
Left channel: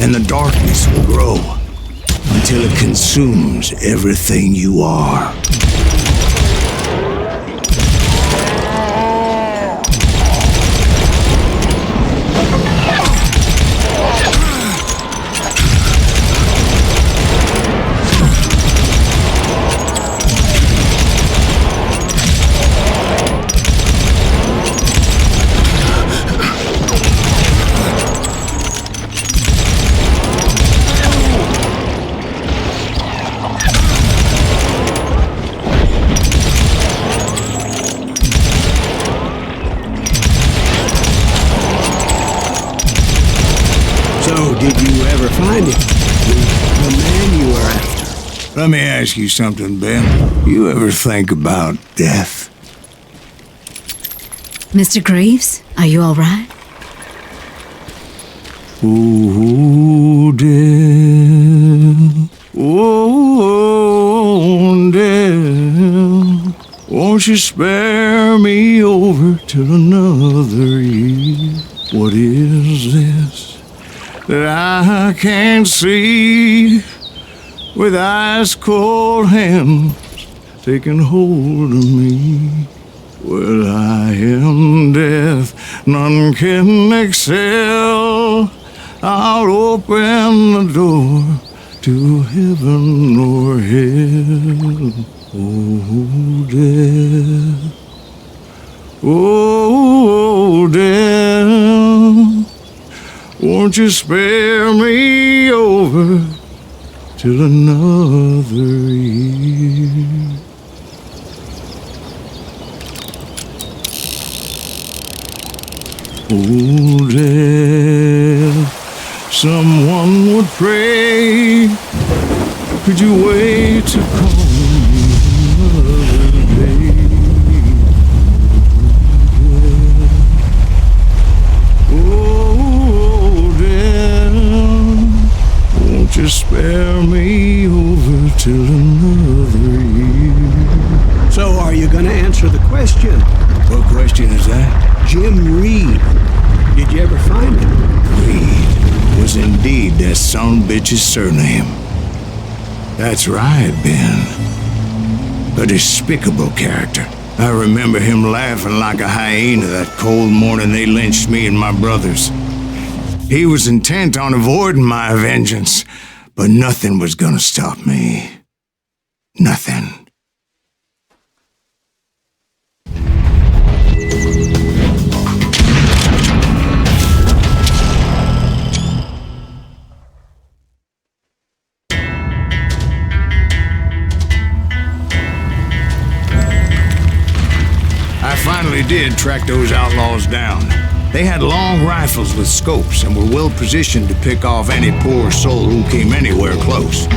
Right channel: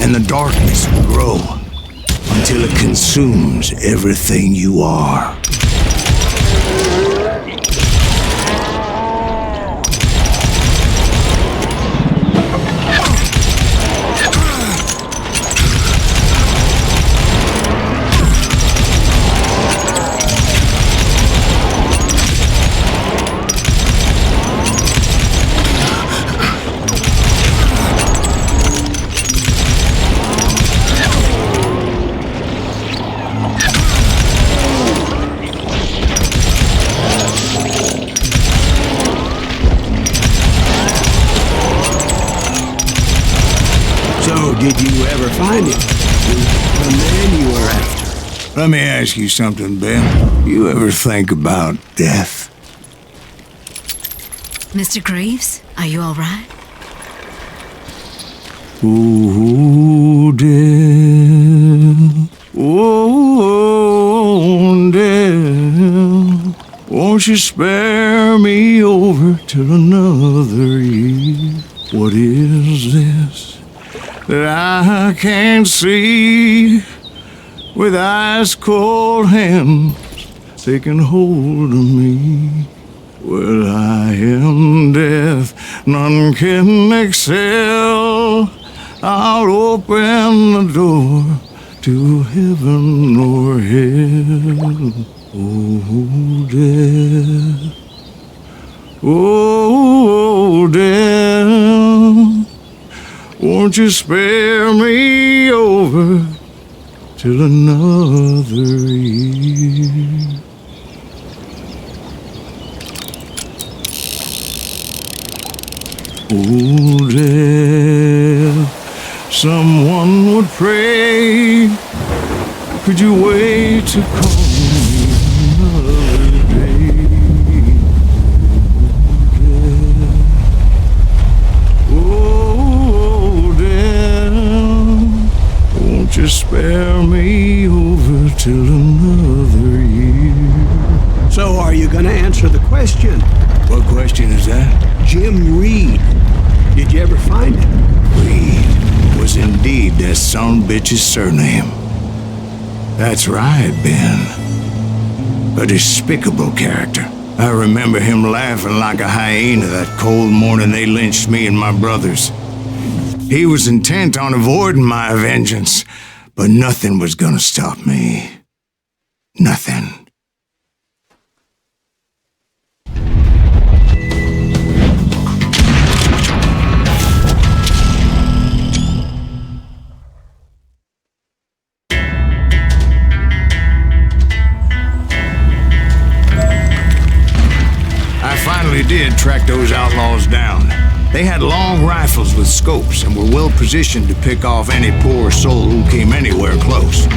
and the darkness will grow until it consumes everything you are. So, did you ever find him? The man you were after? Let me ask you something, Ben. You ever think about death? Mr. Greaves, are you all right? Oh, death. Oh, death. Won't you spare me over till another year? What is this that I can't see with ice cold hands taking hold of me? Well, I am death, none can excel. I'll open the door to heaven or hell. Oh, death. Oh, death. Won't you spare me over till another year? Oh, death, someone would pray. Could you wait to call me another day? Oh, death, won't you spare me over till another year? So, are you going to answer the question? What question is that? Jim Reed. Did you ever find him? Reed was indeed that son bitch's surname. That's right, Ben. A despicable character. I remember him laughing like a hyena that cold morning they lynched me and my brothers. He was intent on avoiding my vengeance, but nothing was gonna stop me. Nothing. I finally did track those outlaws down. They had long rifles with scopes and were well positioned to pick off any poor soul who came anywhere close.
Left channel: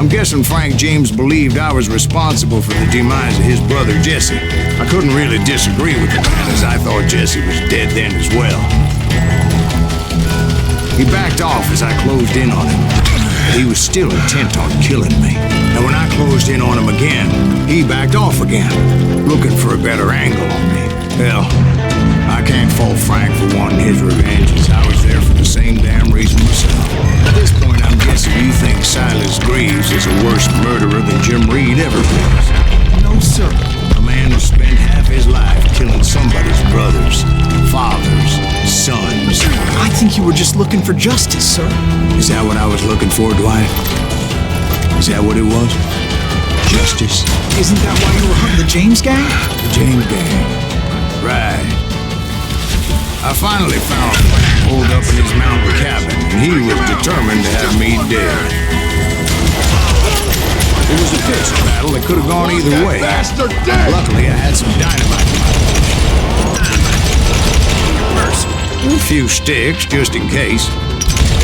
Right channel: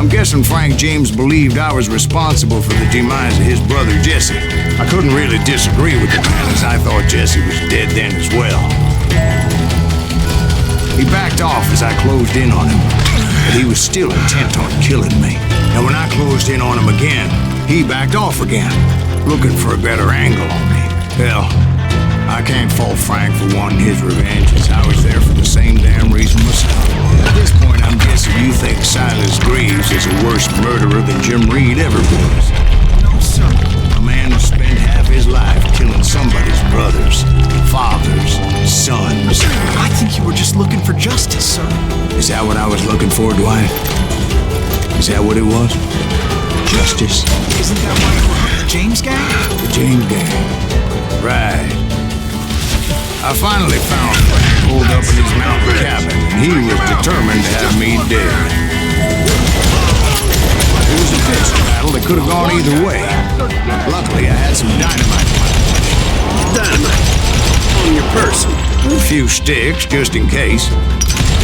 I'm guessing Frank James believed I was responsible for the demise of his brother Jesse. I couldn't really disagree with the man, as I thought Jesse was dead then as well. He backed off as I closed in on him, but he was still intent on killing me. And when I closed in on him again, he backed off again, looking for a better angle on me. Hell, I can't fault Frank for wanting his revenge, as I was there for the same damn reason myself. At this point, I'm guessing you think Silas Greaves is a worse murderer than Jim Reed ever was. No, sir. A man who spent half his life killing somebody's brothers, fathers, sons. I think you were just looking for justice, sir. Is that what I was looking for, Dwight? Is that what it was? Justice? Isn't that why you were hunting the James gang? The James gang. Right. I finally found Frank holed up in his mountain cabin, and he was determined to have me dead. It was a pitched battle that could have gone either way. Luckily, I had some dynamite in my possession. Dynamite. On your person. A few sticks, just in case.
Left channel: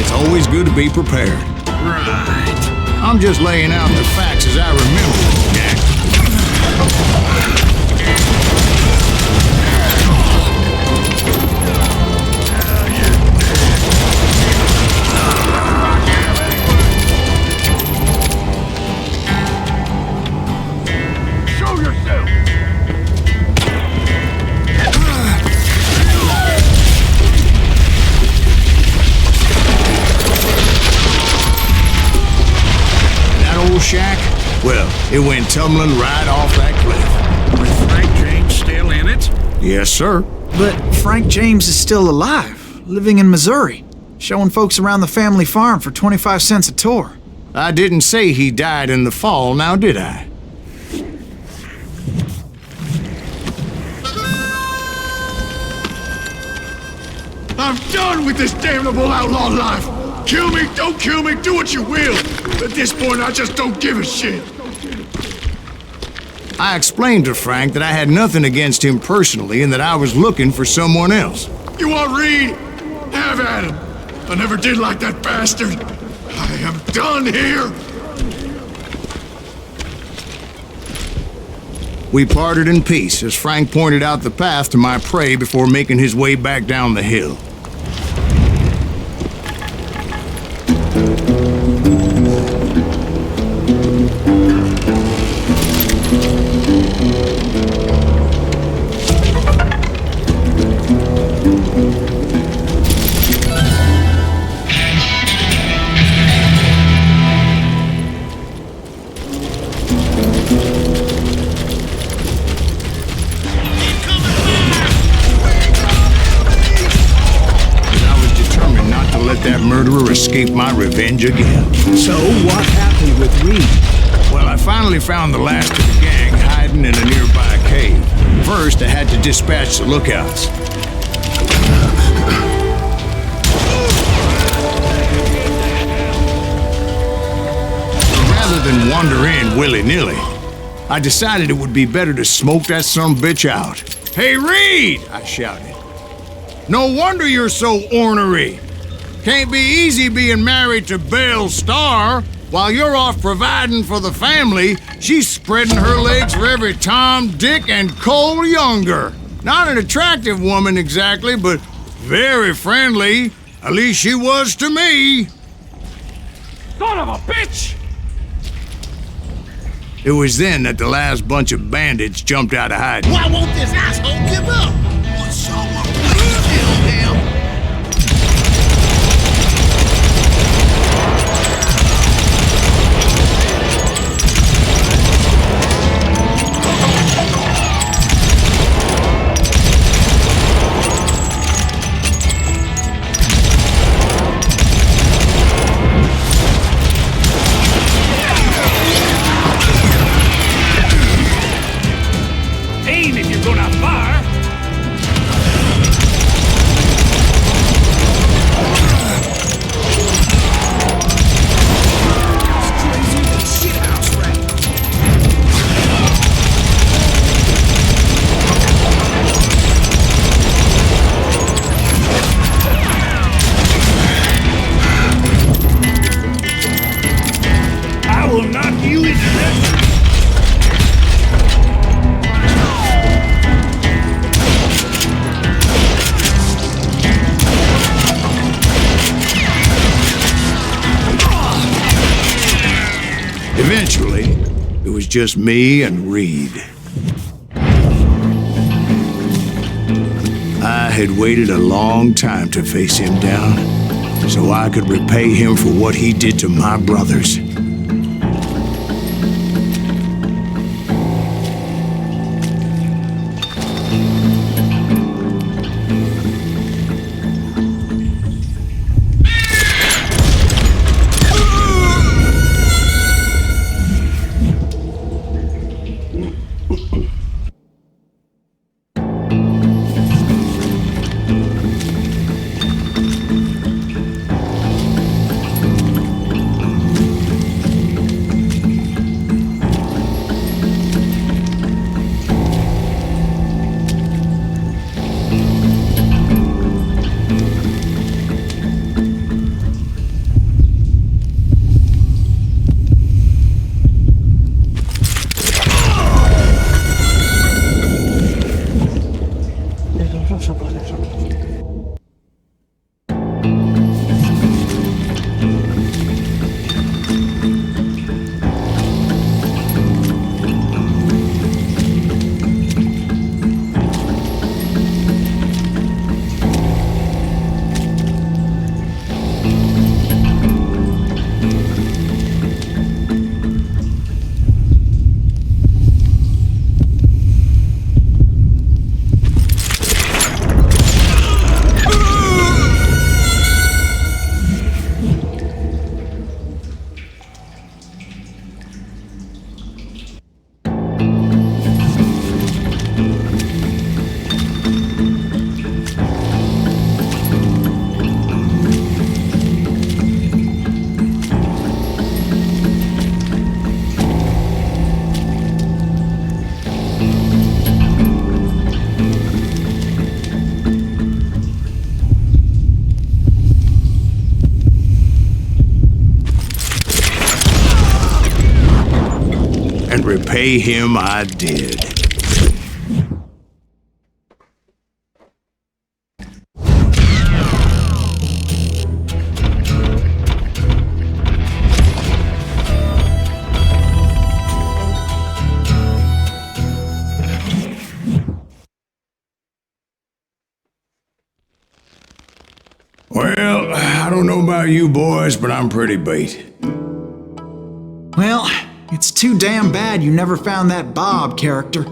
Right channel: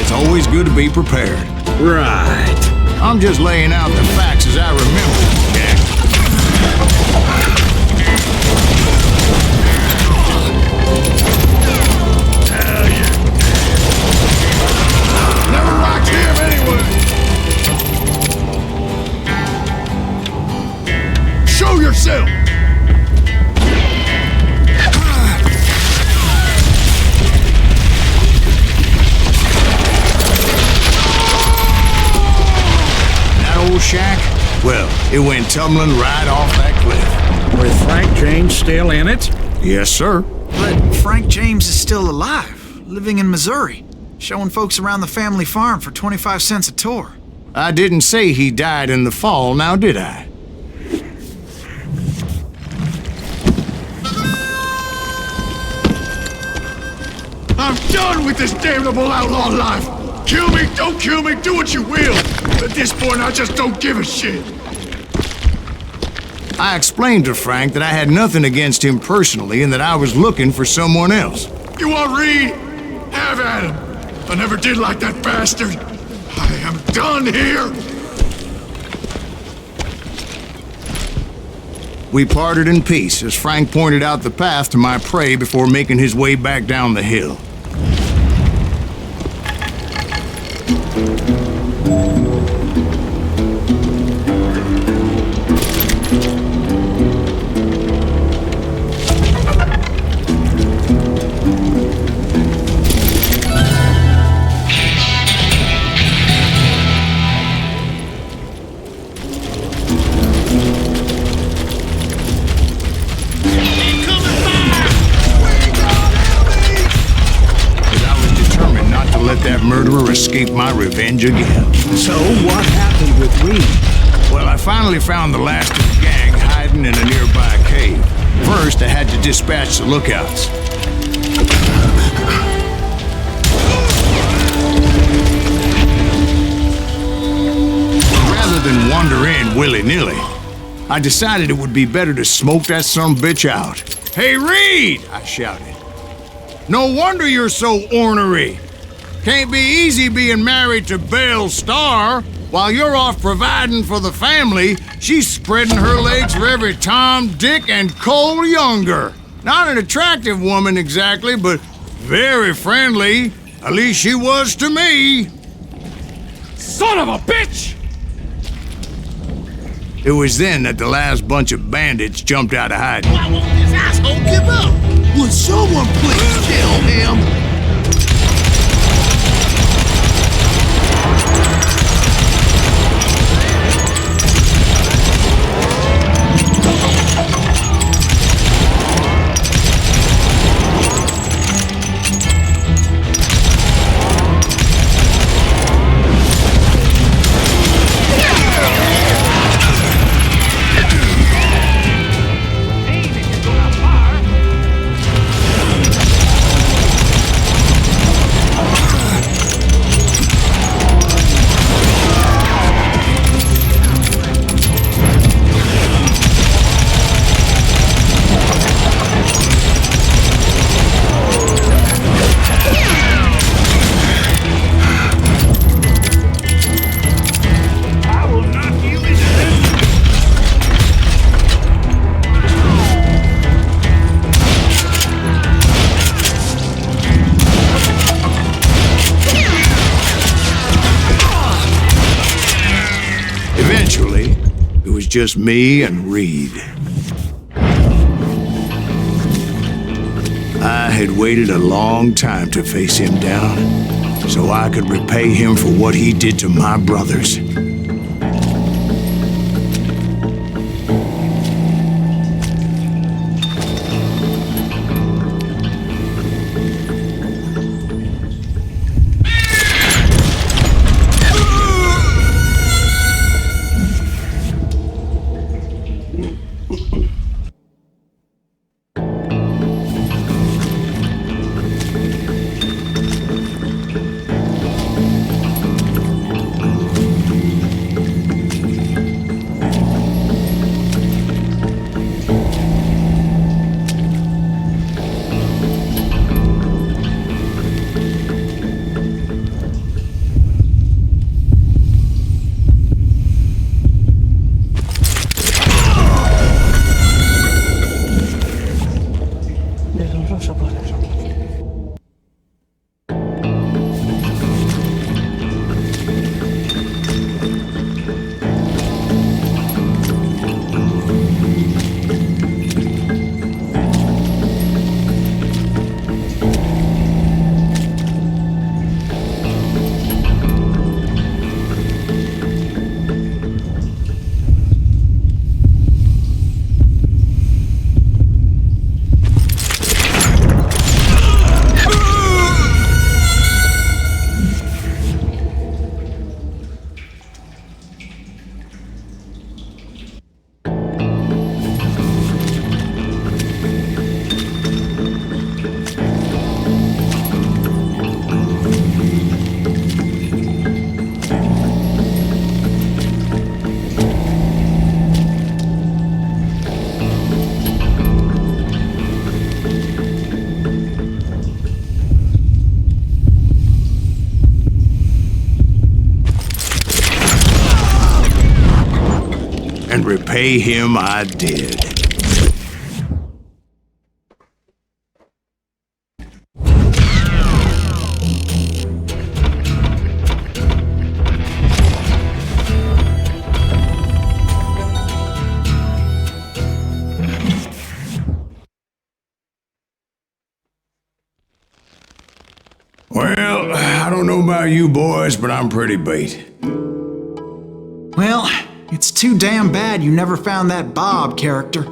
It's always good to be prepared. Right. I'm just laying out the facts as I remember them, Jack. Show yourself! That old shack? Well, it went tumbling right off that cliff. With Frank James still in it? Yes, sir. But Frank James is still alive, living in Missouri, showing folks around the family farm for 25 cents a tour. I didn't say he died in the fall, now did I? I'm done with this damnable outlaw life! Kill me, don't kill me, do what you will! At this point, I just don't give a shit! I explained to Frank that I had nothing against him personally and that I was looking for someone else. You want Reed? Have at him! I never did like that bastard! I am done here! We parted in peace as Frank pointed out the path to my prey before making his way back down the hill. Let that murderer escape my revenge again. So what happened with Reed? Well, I finally found the last of the gang hiding in a nearby cave. First, I had to dispatch the lookouts. Rather than wander in willy-nilly, I decided it would be better to smoke that sumbitch out. Hey, Reed! I shouted. No wonder you're so ornery. Can't be easy being married to Belle Starr. While you're off providing for the family, she's spreading her legs for every Tom, Dick, and Cole Younger. Not an attractive woman exactly, but very friendly. At least she was to me. Son of a bitch! It was then that the last bunch of bandits jumped out of hiding. Why won't this asshole give up? Would someone please kill him? eventually, it was just me and Reed. I had waited a long time to face him down, so I could repay him for what he did to my brothers. And repay him I did. Well, I don't know about you boys, but I'm pretty beat. Well, it's too damn bad you never found that Bob character.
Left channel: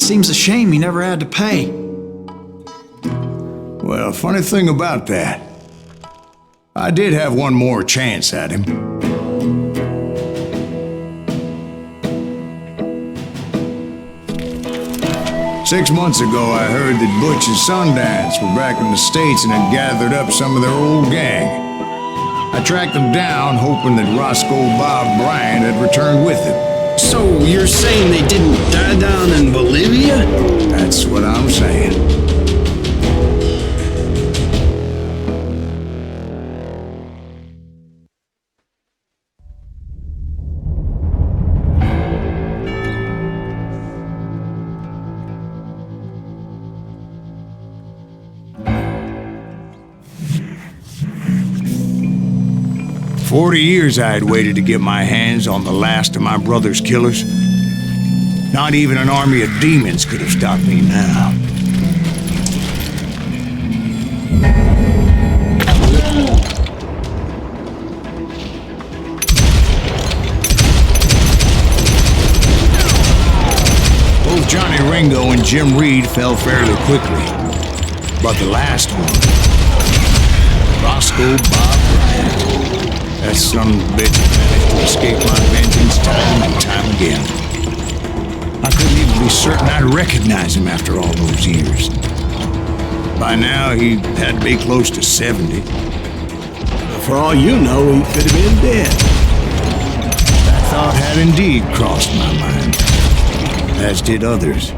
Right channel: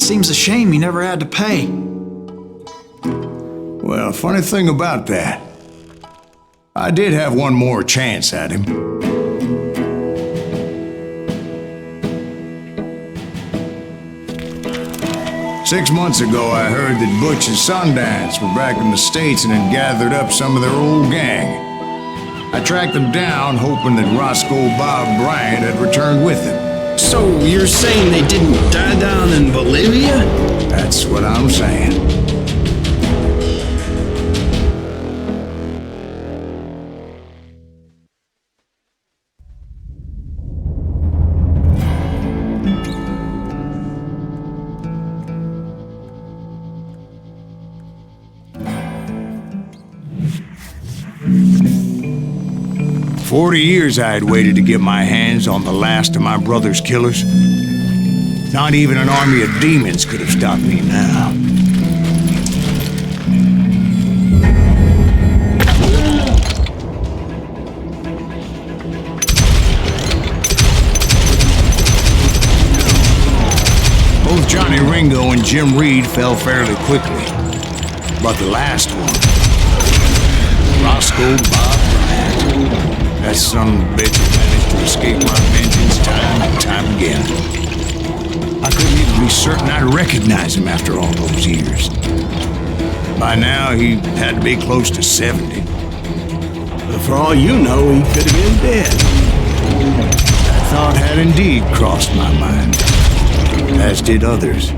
Seems a shame he never had to pay. Well, funny thing about that, I did have one more chance at him. Six months ago, I heard that Butch and Sundance were back in the States and had gathered up some of their old gang. I tracked them down, hoping that Roscoe Bob Bryant had returned with them. So you're saying they didn't die down in Bolivia? That's what I'm saying. For 40 years I had waited to get my hands on the last of my brother's killers. Not even an army of demons could have stopped me now. Both Johnny Ringo and Jim Reed fell fairly quickly. But the last one, Roscoe Bob Bryant, that son of a bitch had managed to escape my vengeance time and time again. I couldn't even be certain I'd recognize him after all those years. By now, he had to be close to 70. But for all you know, he could have been dead. That thought had indeed crossed my mind, as did others.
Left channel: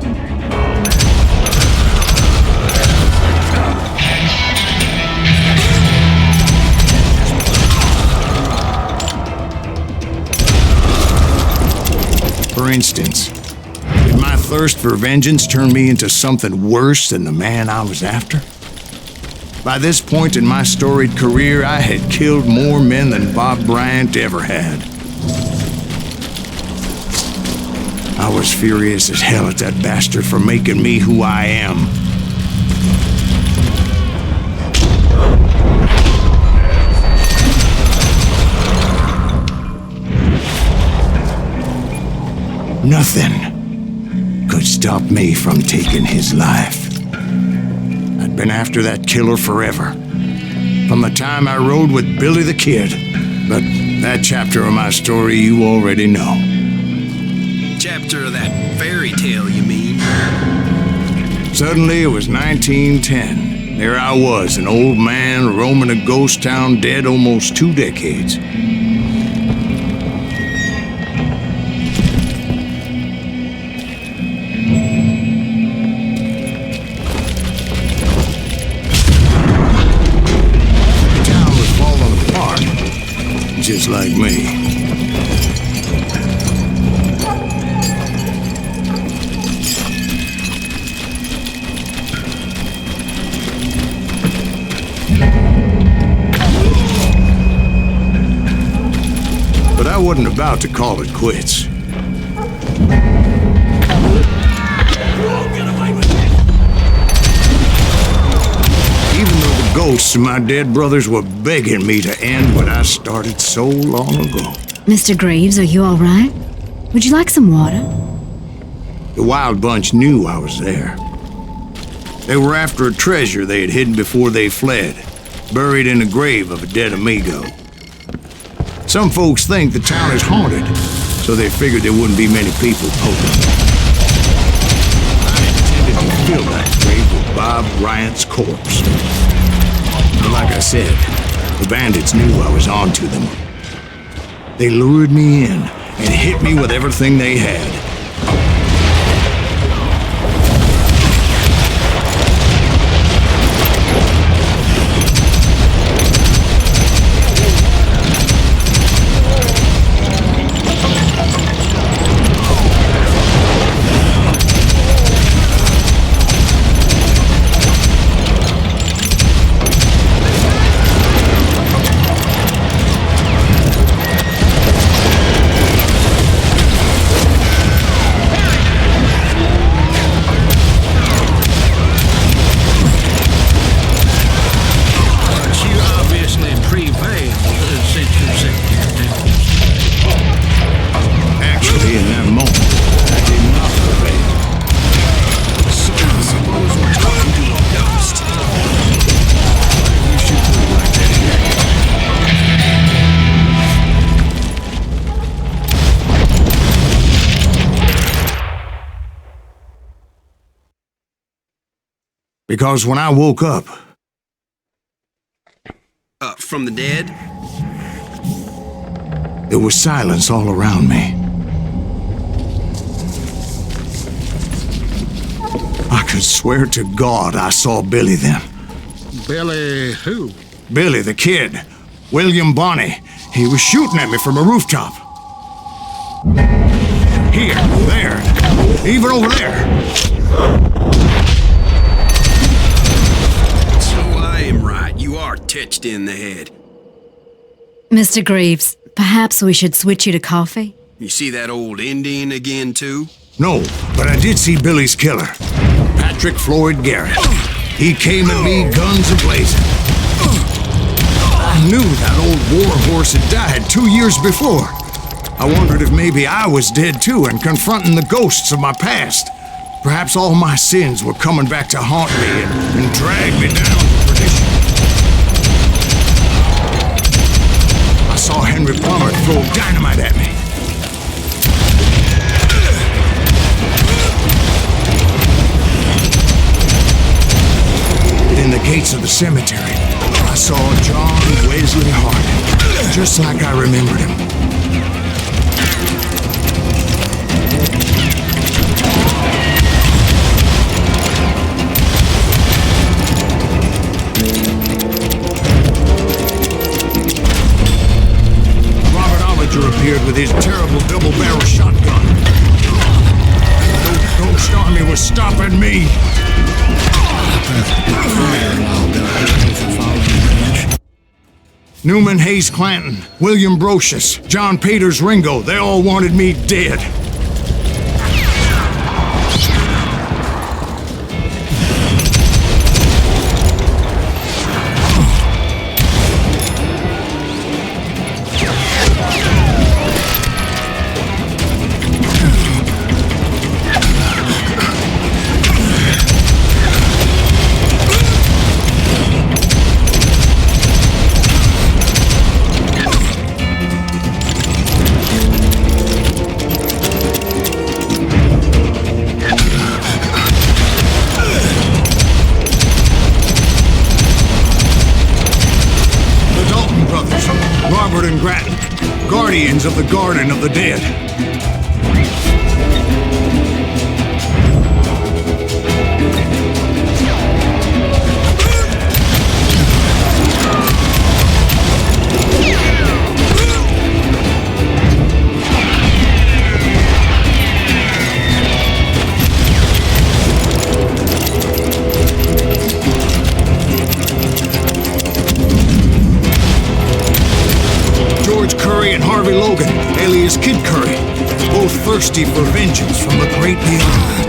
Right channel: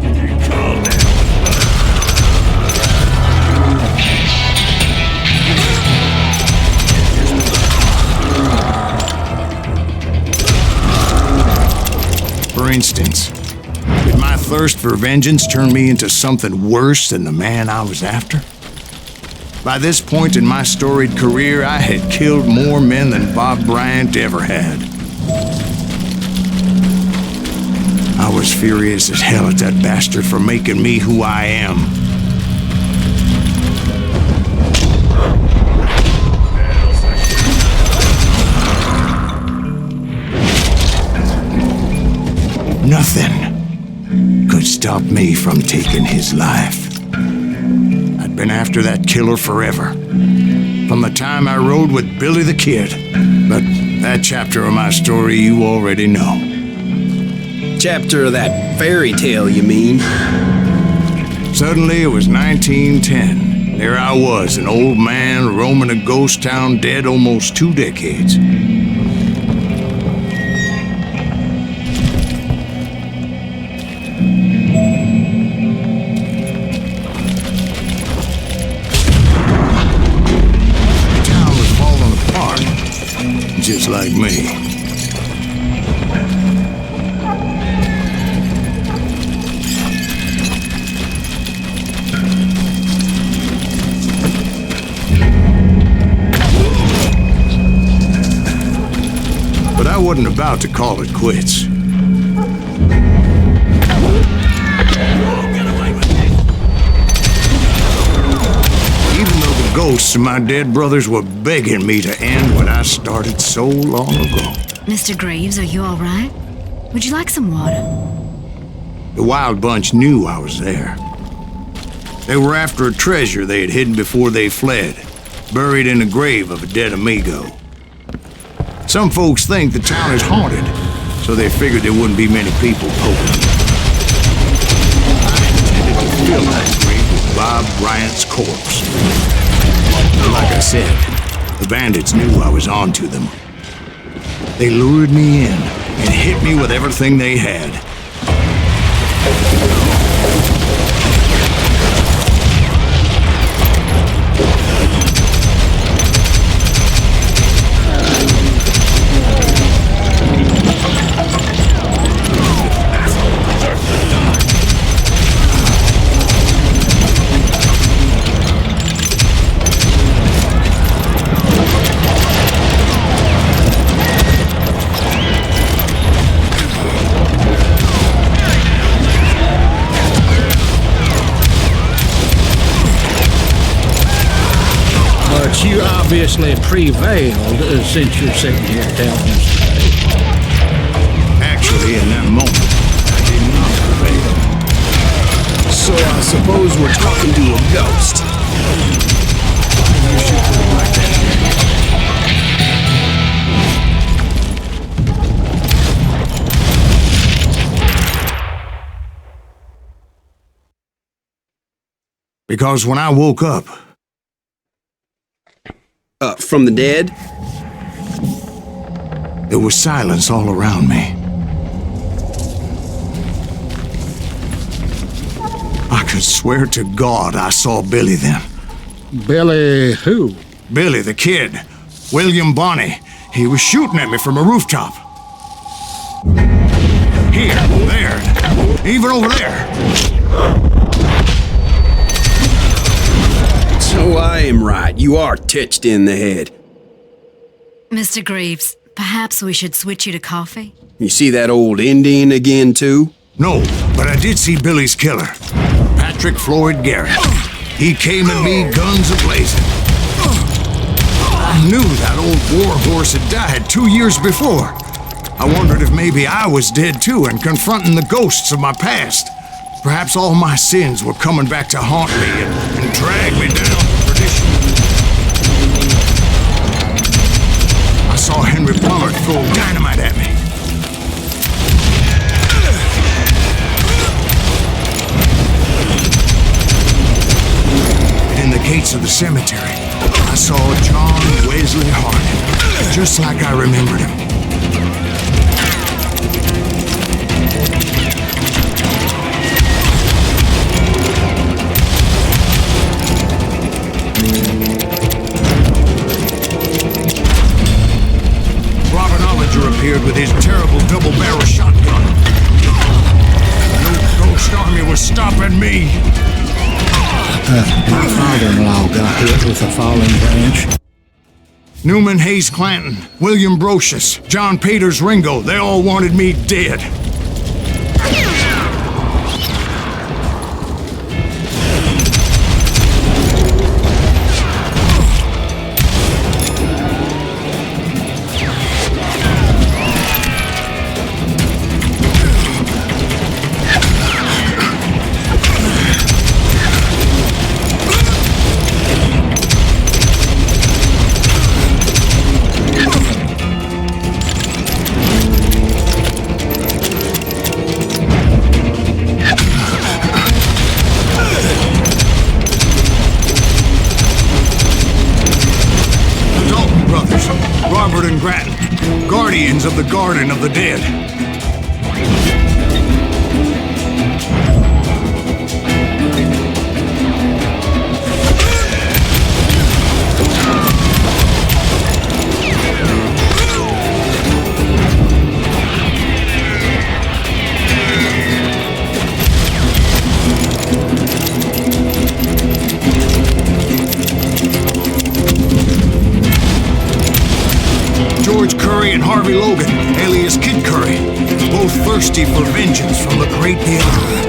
For instance, did my thirst for vengeance turn me into something worse than the man I was after? By this point in my storied career, I had killed more men than Bob Bryant ever had. I was furious as hell at that bastard for making me who I am. Nothing could stop me from taking his life. I'd been after that killer forever, from the time I rode with Billy the Kid. But that chapter of my story you already know. Chapter of that fairy tale, you mean? Suddenly it was 1910. There I was, an old man roaming a ghost town dead almost 2 decades. Just like me. But I wasn't about to call it quits. Even though the ghosts of my dead brothers were begging me to end what I started so long ago. Mr. Greaves, are you all right? Would you like some water? The Wild Bunch knew I was there. They were after a treasure they had hidden before they fled, buried in the grave of a dead amigo. Some folks think the town is haunted, so they figured there wouldn't be many people poking. I intended to fill that grave with Bob Bryant's corpse. But like I said, the bandits knew I was onto them. They lured me in and hit me with everything they had. You obviously prevailed since you're sitting here telling us today. Actually, in that moment, I did not prevail. So I suppose we're talking to a ghost. Funny you should put it like that, Jack. Because when I woke up, From the dead? there was silence all around me. I could swear to God I saw Billy then. Billy who? Billy the Kid. William Bonney. He was shooting at me from a rooftop. Here, there, even over there. So I am right. You are touched in the head. Mr. Greaves, perhaps we should switch you to coffee? You see that old Indian again, too? No, but I did see Billy's killer, Patrick Floyd Garrett. He came at me, guns a-blazing. I knew that old war horse had died 2 years before. I wondered if maybe I was dead too and confronting the ghosts of my past. Perhaps all my sins were coming back to haunt me and drag me down to perdition. I saw Henry Plummer throw dynamite at me. And in the gates of the cemetery, I saw John Wesley Hardin, just like I remembered him. Robert Ollinger appeared with his terrible double-barrel shotgun. No ghost army was stopping me. My father-in-law got hit with a falling branch. Newman Hayes Clanton, William Brocious, John Peters Ringo, they all wanted me dead. Robert and Grattan, guardians of the Garden of the Dead. George Curry and Harvey Logan, alias Kid Curry, both thirsty for vengeance from the great beyond.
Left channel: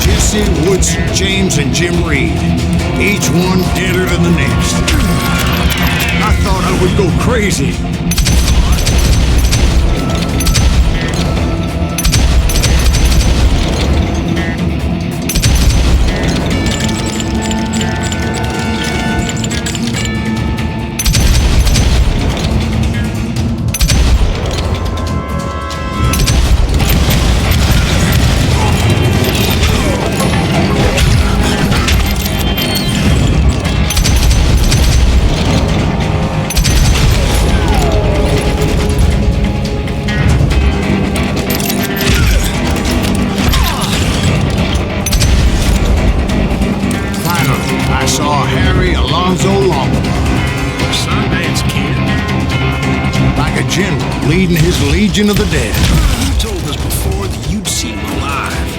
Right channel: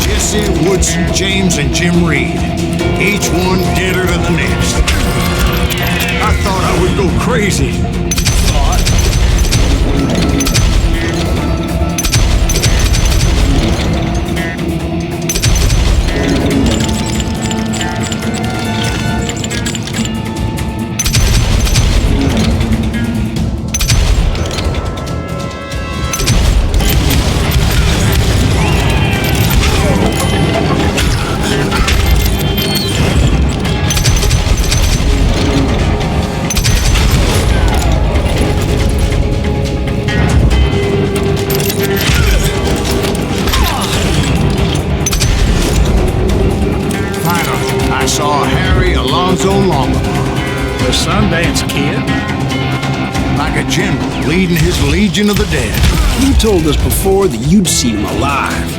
Jesse, Woodson, James, and Jim Reed, each one deader than the next. I thought I would go crazy. Finally, I saw Harry Alonzo Longabaugh. The Sundance Kid? Like a general leading his Legion of the Dead. You told us before that you'd seen him alive.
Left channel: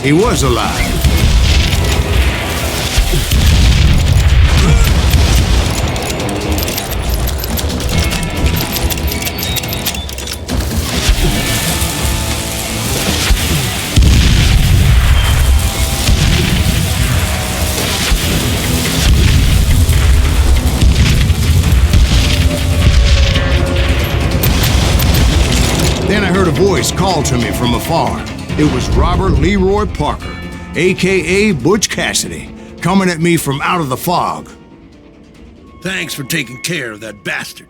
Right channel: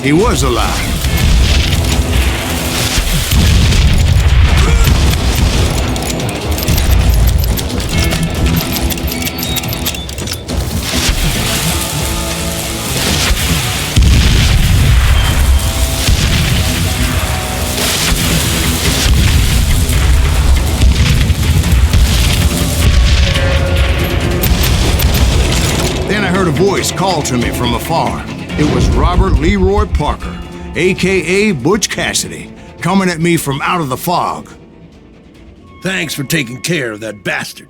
He was alive. Then I heard a voice call to me from afar. It was Robert Leroy Parker, a.k.a. Butch Cassidy, coming at me from out of the fog. Thanks for taking care of that bastard.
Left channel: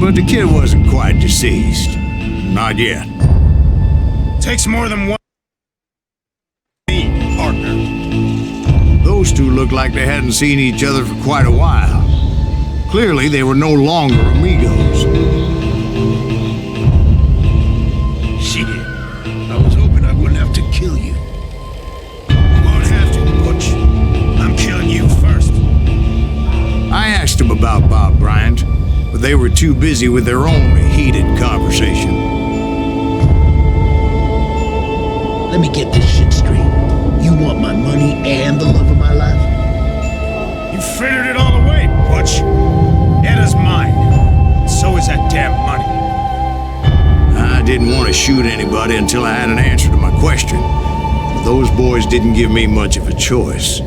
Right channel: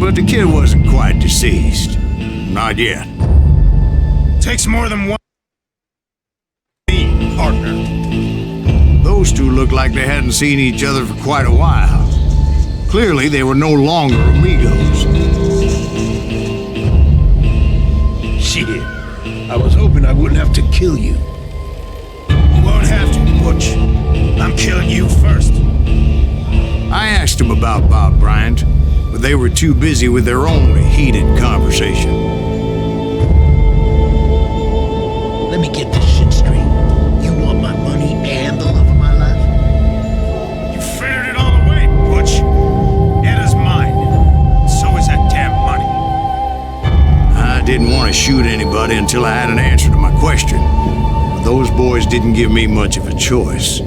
But the kid wasn't quite deceased. Not yet. Takes more than one partner. Those two looked like they hadn't seen each other for quite a while. Clearly, they were no longer amigos. Shit. I was hoping I wouldn't have to kill you. You won't have to, Butch. I'm killing you first. I asked him about Bob Bryant, but they were too busy with their own heated conversation. Let me get this shit straight. You want my money and the love of my life? You frittered it all away, Butch. Etta's mine. So is that damn money. I didn't want to shoot anybody until I had an answer to my question, but those boys didn't give me much of a choice.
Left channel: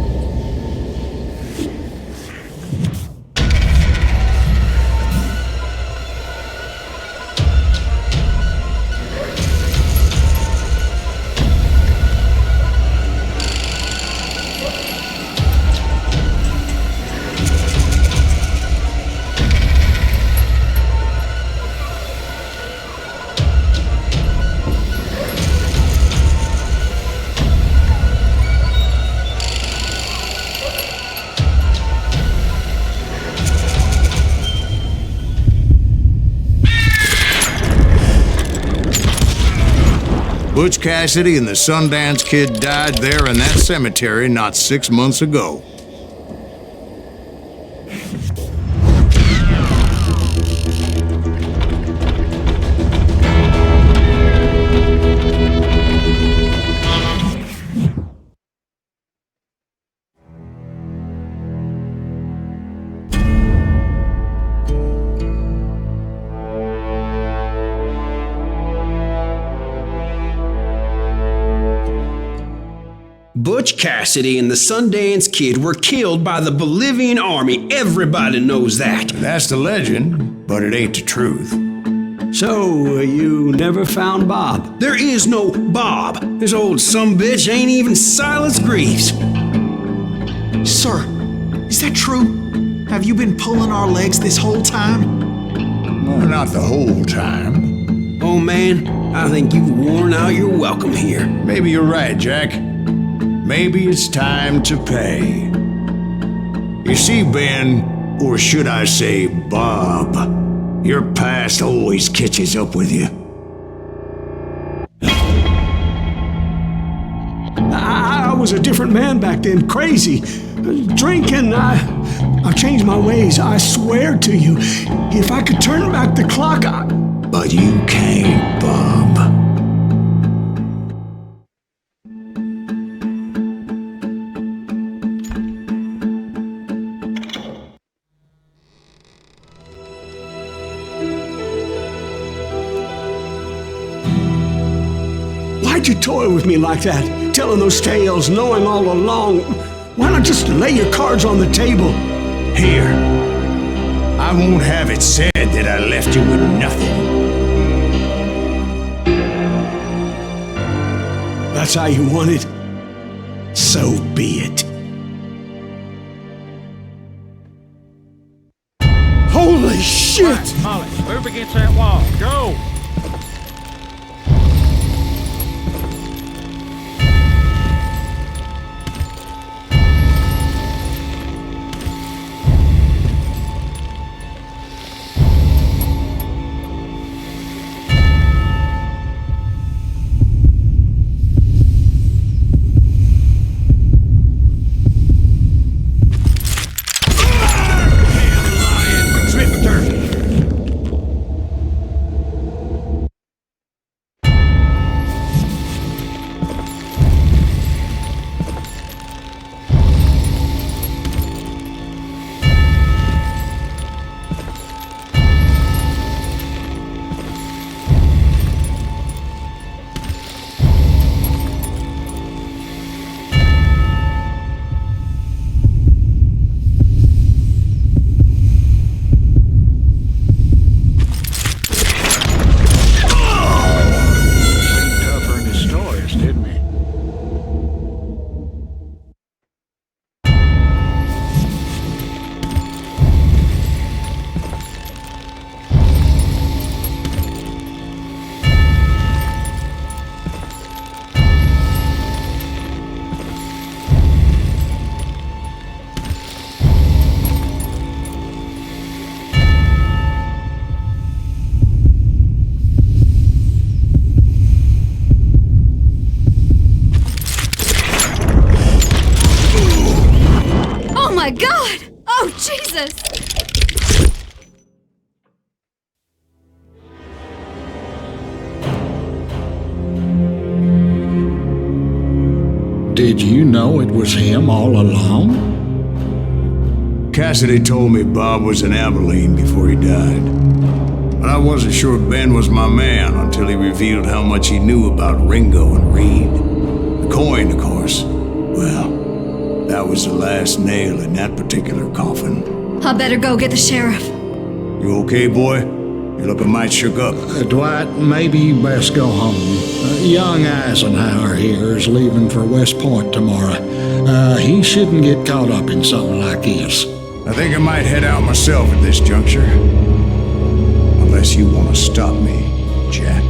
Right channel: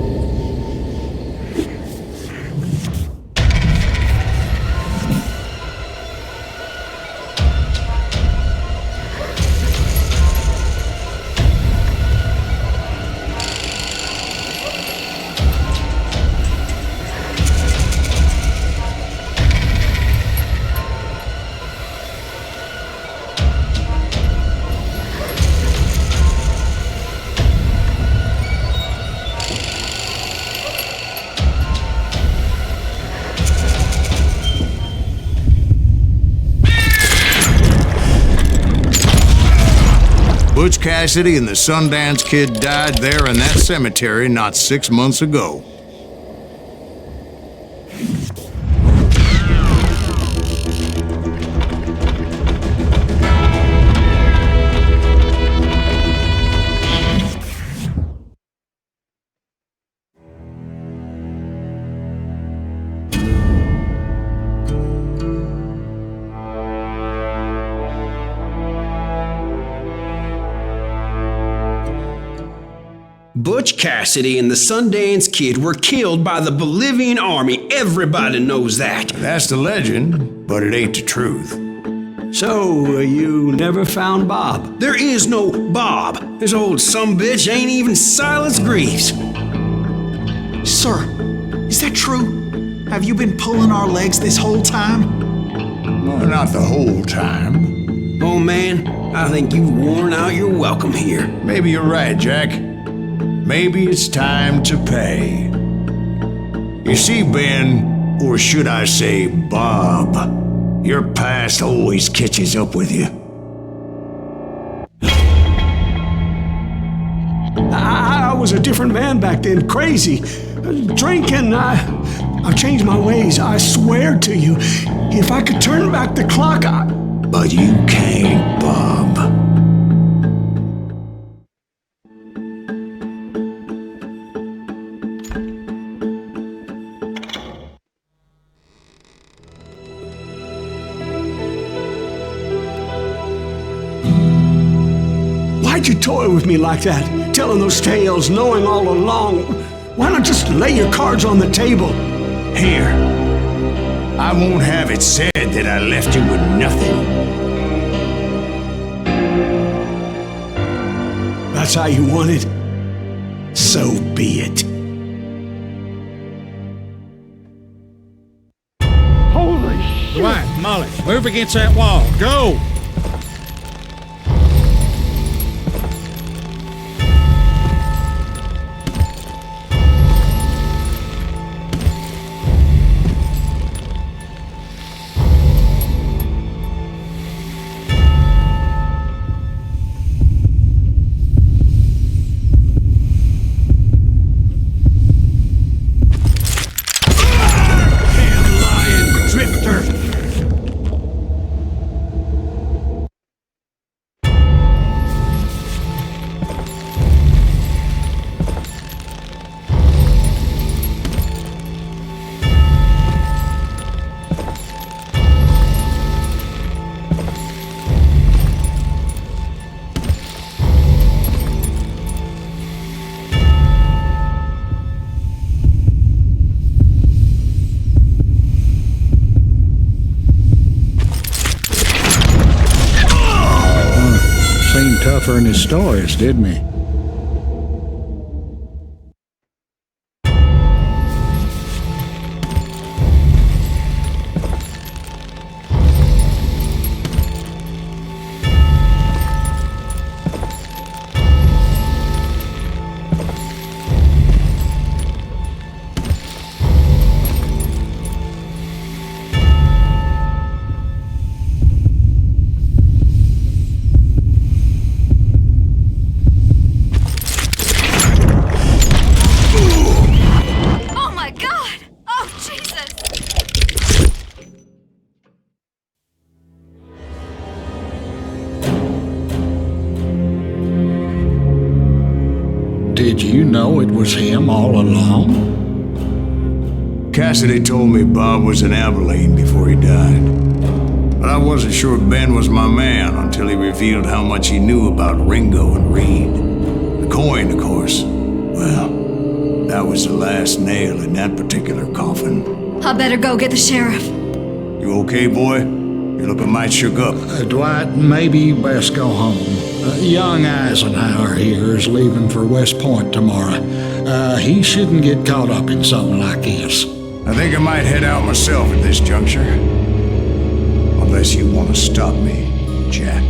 Butch Cassidy and the Sundance Kid died there in that cemetery not 6 months ago. Butch Cassidy and the Sundance Kid were killed by the Bolivian army. Everybody knows that. That's the legend, but it ain't the truth. So, you never found Bob? There is no Bob. This old sumbitch ain't even Silas Greaves. Sir, is that true? Have you been pulling our legs this whole time? Well, not the whole time. Oh man, I think you've worn out your welcome here. Maybe you're right, Jack. Maybe it's time to pay. You see, Ben, or should I say Bob, your past always catches up with you. I was a different man back then, crazy. Drinking, I've changed my ways, I swear to you. If I could turn back the clock, But you can't, Bob. Why'd you toy with me like that? Telling those tales, knowing all along. Why not just lay your cards on the table? Here. I won't have it said that I left you with nothing. That's how you want it? So be it. Holy shit! Right, Molly, move against that wall. Go! Didn't he? My God! Oh, Jesus! Did you know it was him all along? Cassidy told me Bob was in Abilene before he died. But I wasn't sure Ben was my man until he revealed how much he knew about Ringo and Reed. The coin, of course. Well, that was the last nail in that particular coffin. I better go get the sheriff. You okay, boy? You're looking mighty shook up. Dwight, maybe you best go home. Young Eisenhower here is leaving for West Point tomorrow. He shouldn't get caught up in something like this. I think I might head out myself at this juncture. Unless you want to stop me, Jack.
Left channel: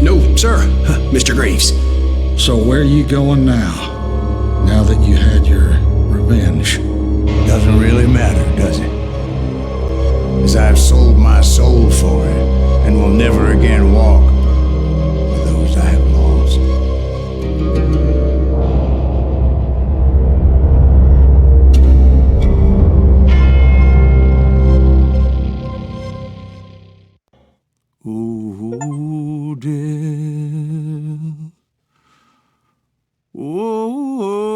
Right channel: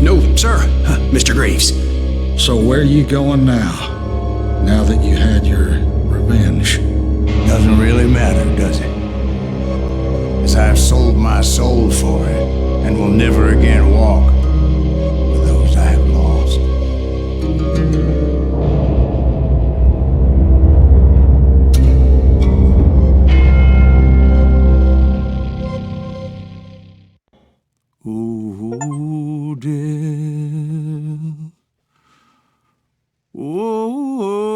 No, sir, Mr. Greaves. So where are you going now? Now that you had your revenge? Doesn't really matter, does it? As I've sold my soul for it, and will never again walk with those I have lost. Ooh, dear. Oh,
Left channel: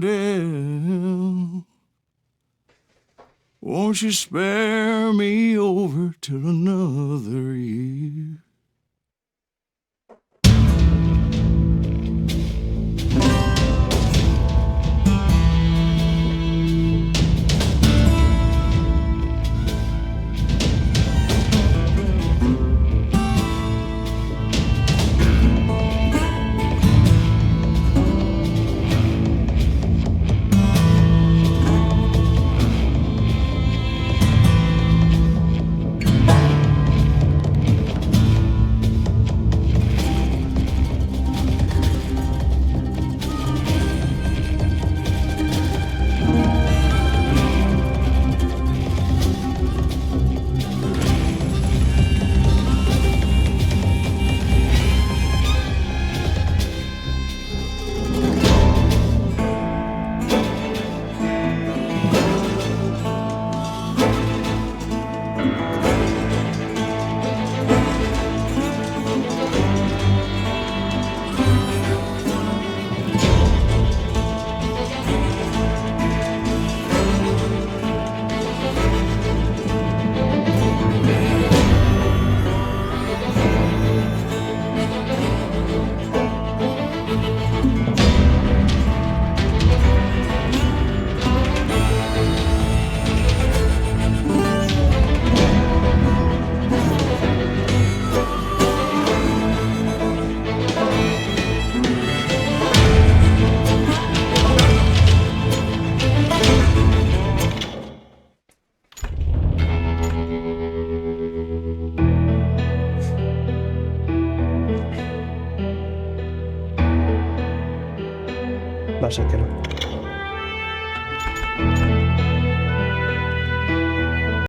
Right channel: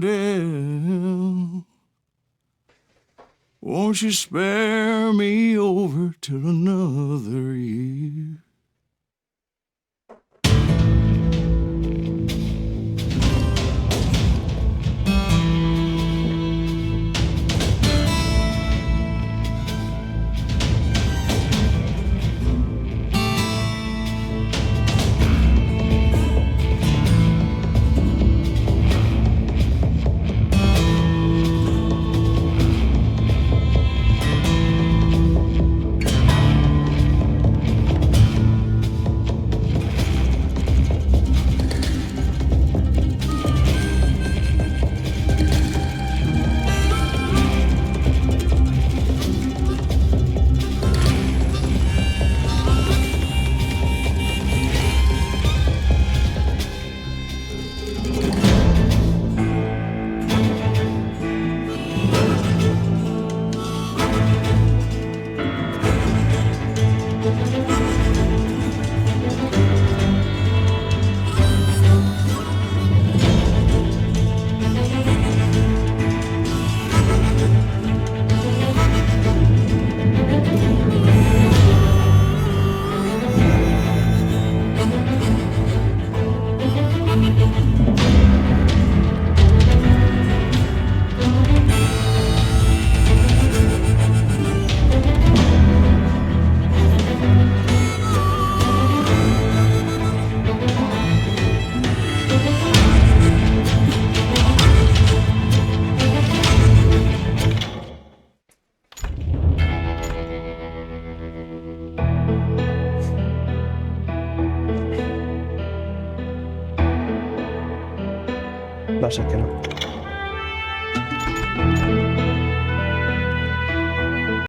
dear. Won't you spare me over till another year? Va a ser que no.